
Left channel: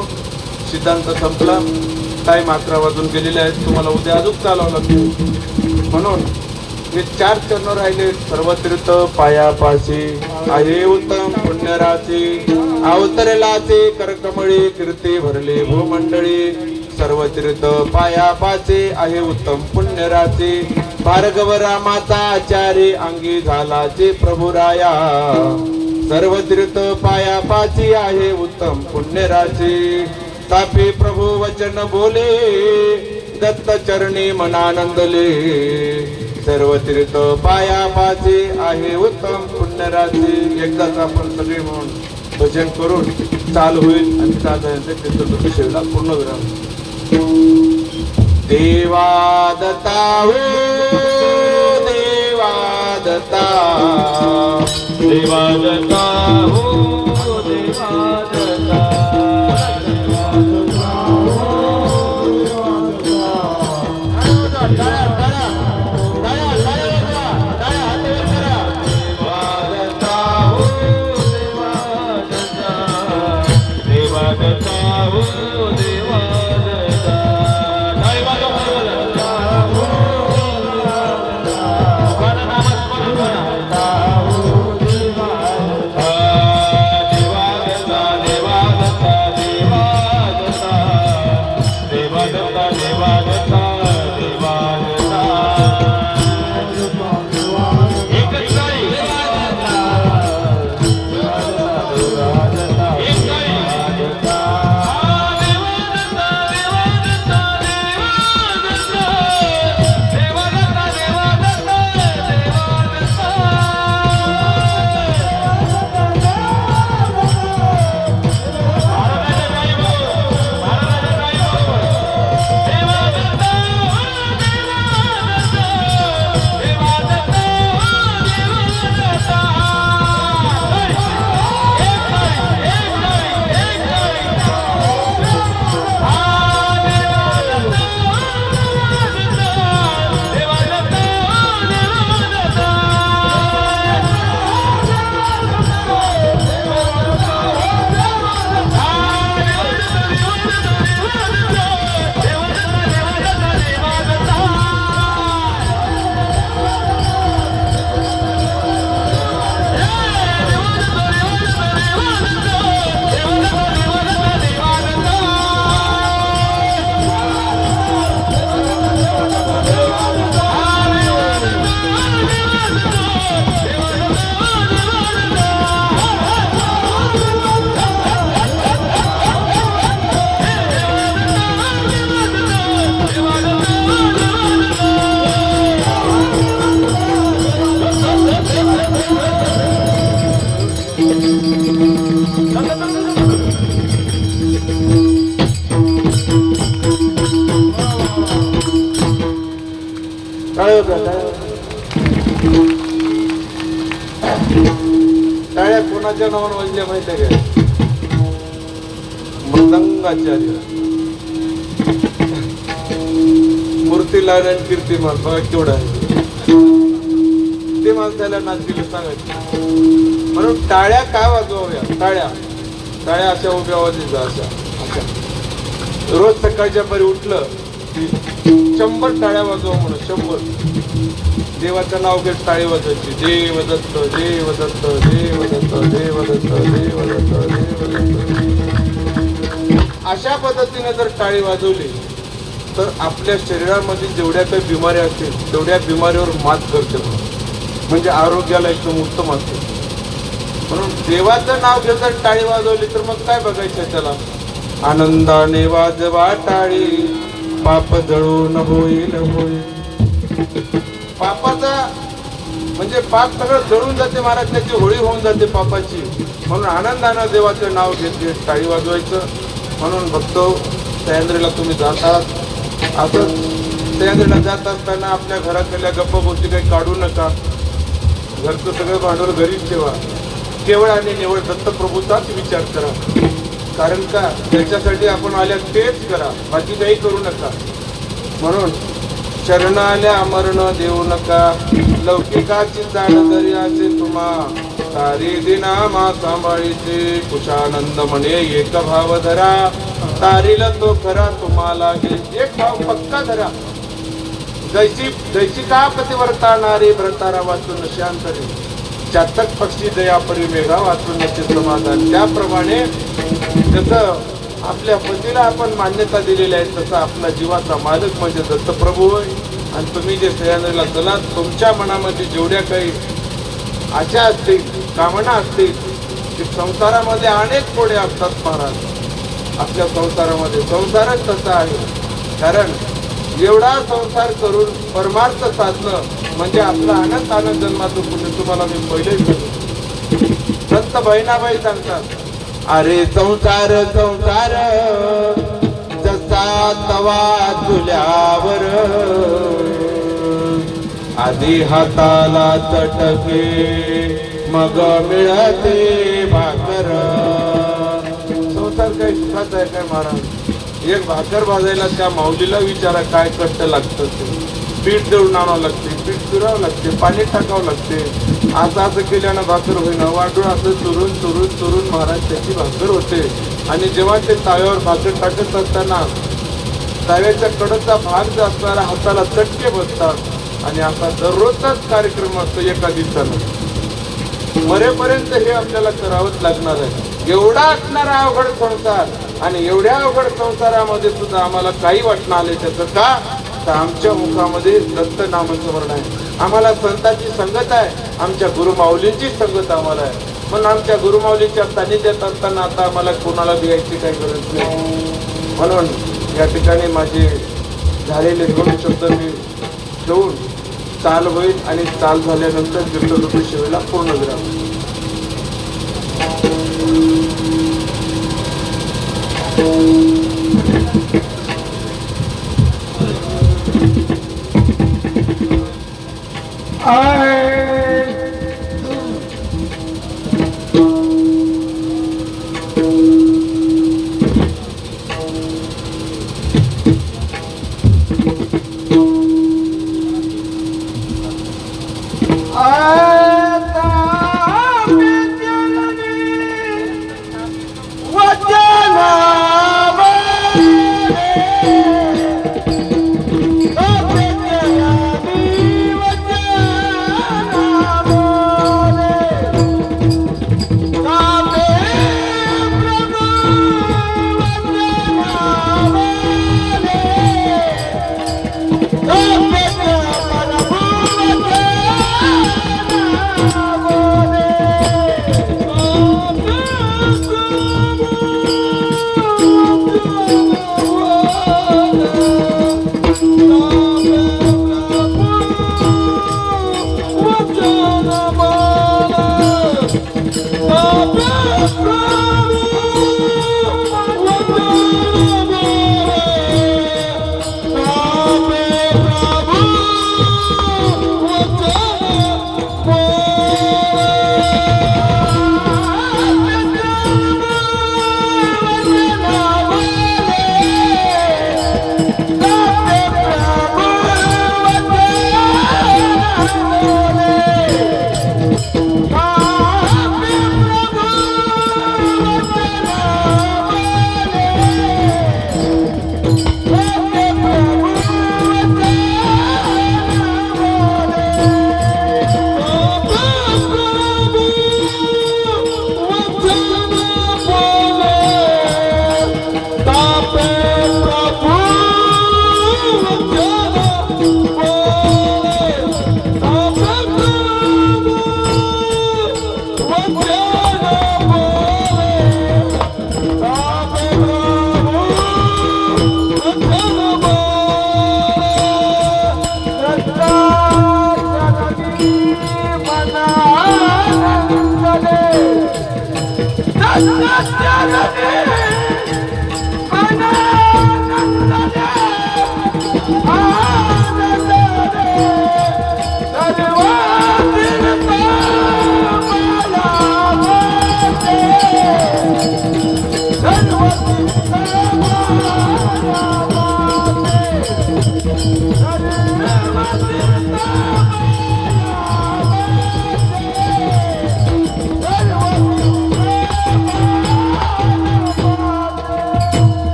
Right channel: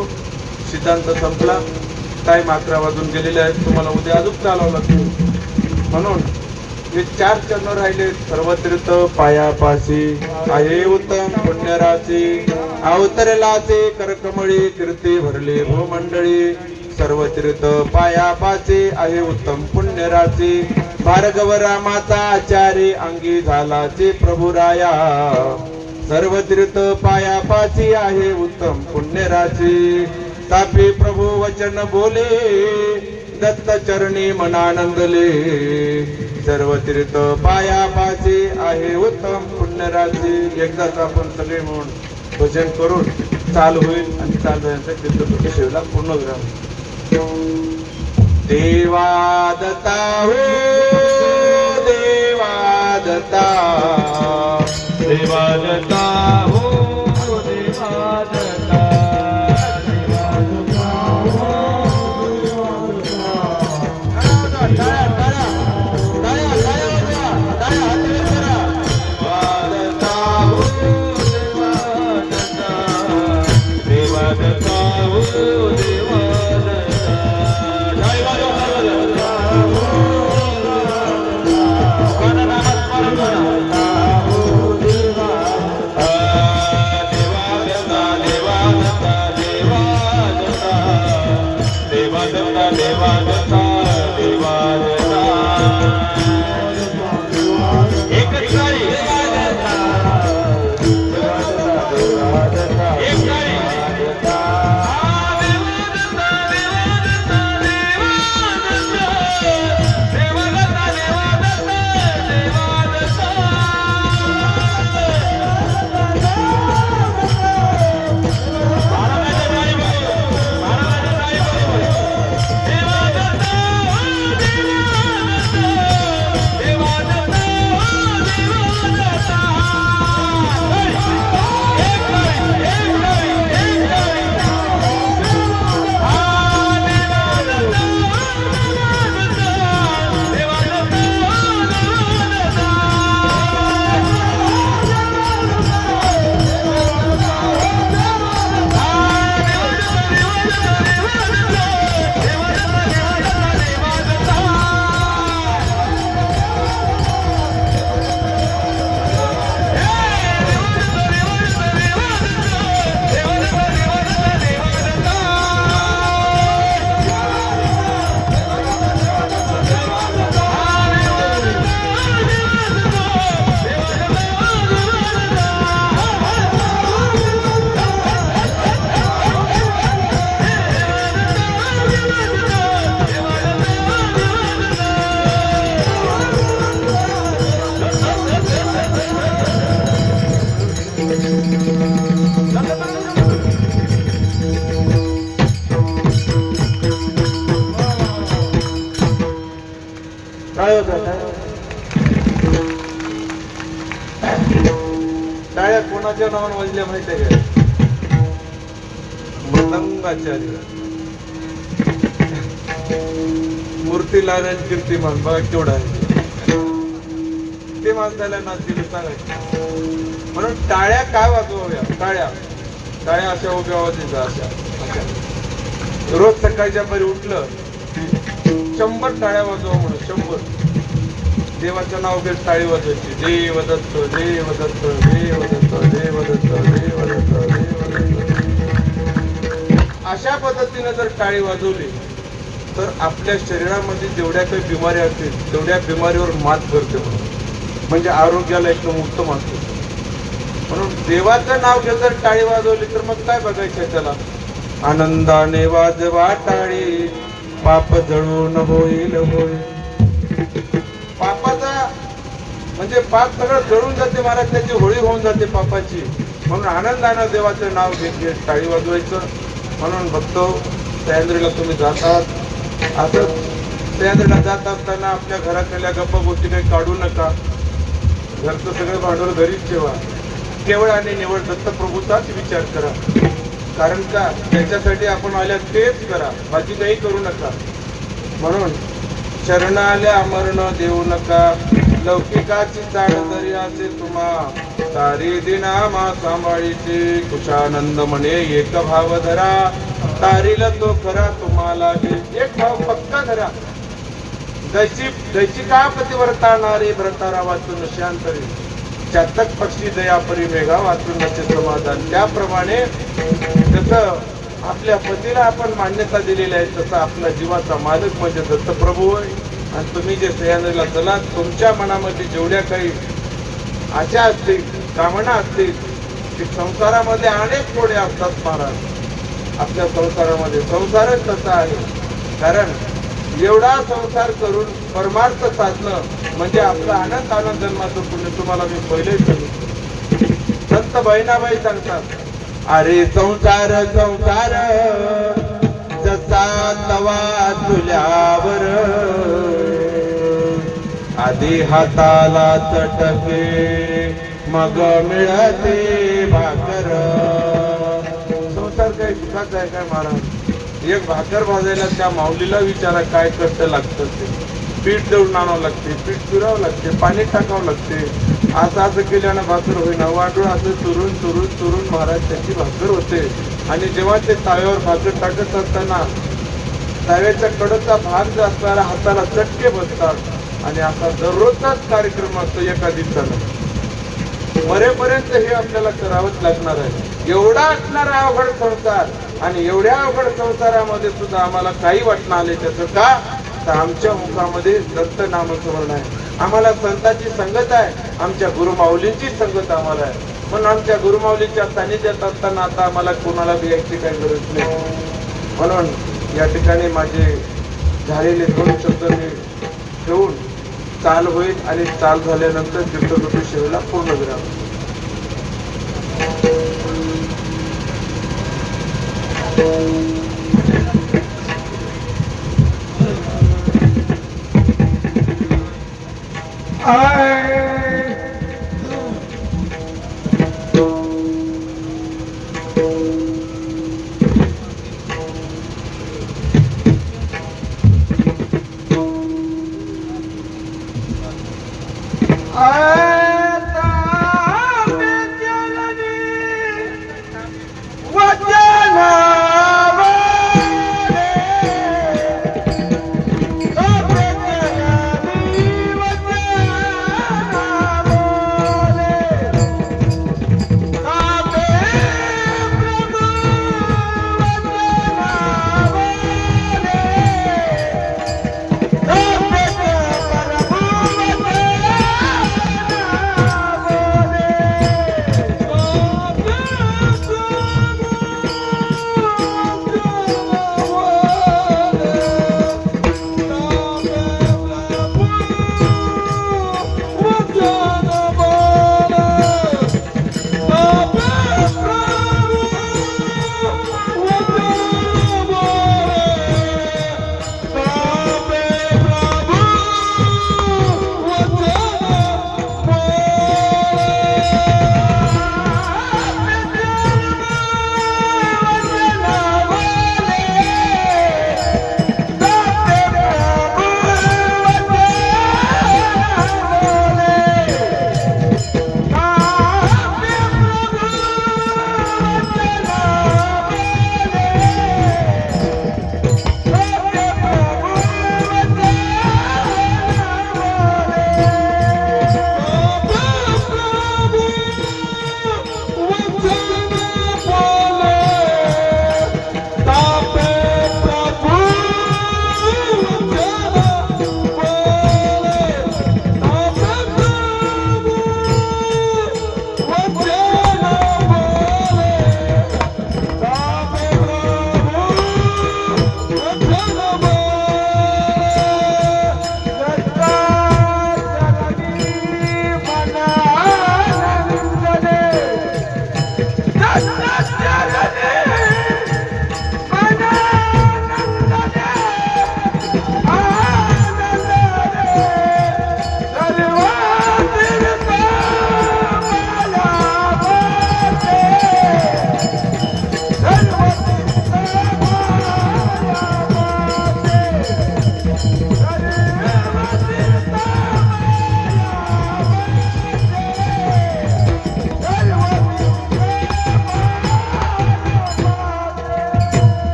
सिद्धांत संपला टाइम 11 वाजून गेलेले आहेत तुम्हाला उद्या अजून चालावं लागेल म्हणून हे 4 चरण राहिले सर्व तीर्थ पायापाशी आहे उत्तम पुण्यराची अवतरलाचे करकमळी कीर्ती भरले भूमंडळी सर्व तीर्थ पायापाशी आहे उत्तम पुण्यराची भार्गव रामाचा आचार्य अंगी झालाचे प्रभुराया सर्व तीर्थ पायापाशी आहे उत्तम पुण्यराची तापी प्रभू वचन बोले दत्त चरणी मनानंदले सर्व तीर्थ पायापाशी आहे उत्तम पुण्यराशी एकदाच आपण सगळे म्हणून भजन करून चाल होईल आणि चालू कीर्तन पूर्ण विराम देवा दत्ता हो देवा दत्ता देवा दत्ता हो देवा दत्ता योगाचार्य, मूर्तीलाल आणि कीर्तिमान, बघा केवढा आहे ते माणसाला नाचतील सांगायचे. म्हणून टाळ्या का वाजवाव्या? टाळ्या अशा उभ्या वाजायच्या, अशा रोज सकाळच्या परी उठलं 100 टाळ्या वाजव म्हणून, 100 देवाचं नाव घेत टाळी वाजवायची. देव दत्त, देव दत्त, देव दत्त, देव दत्त, देव दत्त, देव दत्त. अशा पद्धतीने जर टाळी वाजवली तर आपल्या शरीरामध्ये जेवढ्या काही बिमाऱ्या असतील तेवढ्या बिमारीवर मात करते, म्हणजे आरोग्याला एकदम उत्तम असतं. म्हणून देवाचं नाव घेत टाळी वाजवली तर मग काय बघायचं त्याला? आनंदाने वाजवा टाळी, पाप जळून होईल होईल. पापाचा म्हणजे पाप सगळं जळून जाते महाराज, त्याची होळी होऊन जाते पापाची. म्हणून आनंदानं देवाचे नाव घेत घेत टाळी वाजवायचं. म्हणून बघतो सह्याद्रीला तुम्ही जातात, असं सह्याद्रीला जात असताना आपल्या घरातल्या गप्पा गोष्टी काही काढू नका. घरचं सगळं भांडवल घरीच ठेवा. केवळ आणि निवड दत्तप्रभूचाच विचार करा. कारण का त्याच्यासाठी आपण आल्या तेच करा, बाकी काही करू नका. म्हणून शरण आल्या मरण देऊ नका, लौकिकाची जाण जरी असे तुम्हा, सारी दिनामा सांभाळीचे कुशानंद म्हणे एक भाव धरा, तारीला तो खरा तुम्हाला एक भाव पक्का धरा. जैसी का पतिव्रता नारी व्रतारा वाचून शांतरी, चातक पक्षी दयापरी मेघा वाचून नसे समाधान. त्याप्रमाणे जसं आपल्या पतीला आपण मान्यता दिलेली आहे तसं आपला जीवाचा मालक म्हणजे दत्तप्रभू होय. आणि तुम्ही जे सह्याद्रीला चलात, तुमच्या मनामध्ये जेवढ्या काही आशा असतील, कामना असतील, की संसारामध्ये अनेक कोडे असतात महाराज. आपल्या संसारामध्ये संसारच तसा आहे. कारण एवढा संसार करून परमार्थ साधणं म्हणजे आपला आनंद जन्माचं पुण्य. तुम्हाला मी पहिले सांगतो, संत बहिणाबाई सांगतात, अरे संसार संसार जसा तवा तुल्यावर, आधी हाताला चटके मग मिळते भाकर. संसार काही सुखाचा आहे काय महाराज? एक भाकर भाजायला त्या माऊलीला विचारा काय कष्ट लागतं ते. पीठ दळून आणावं लागते, पीठ फिरावं लागते, पाणी टाकावं लागते. असं केल्यानं भाकर होईना. वाटून असं चुरून चुरून चुरून महाराज त्याची भाकर होते. आणि जेव्हा ते ताव्यावर भाकर टाकत असताना ताव्याच्या कडचा भाग जो असणारा हाताला चटके बसतात. आणि असा दररोजचाच कार्यक्रम असतो एका दिवसाला. मरेपर्यंत हे आपल्याला करावंच लागणार आहे. एवढा असणारा अवघड संसार, आणि एवढ्या अवघड संसारामध्ये सुद्धा आम्हाला काही वाटणं आले त्याचं का? तर आमच्या मुखामध्ये दत्त नामस्मरण आहे. आम्हाला संतांची संगत आहे, आमच्या गुरुमाऊलींची संगत आम्हाला आहे. पण आमच्या गुरुमाऊलीच्या सानिध्यात असताना आता आम्हाला कोणाला द्यायची काही गरज नाही. म्हणून या ठिकाणी माझे झालेले 2 शब्द मी ठेवून चाल होईल, आणि चाल झाल्यानंतर कीर्तन सेवेला पूर्ण विराम.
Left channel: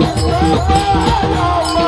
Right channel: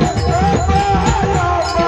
देवा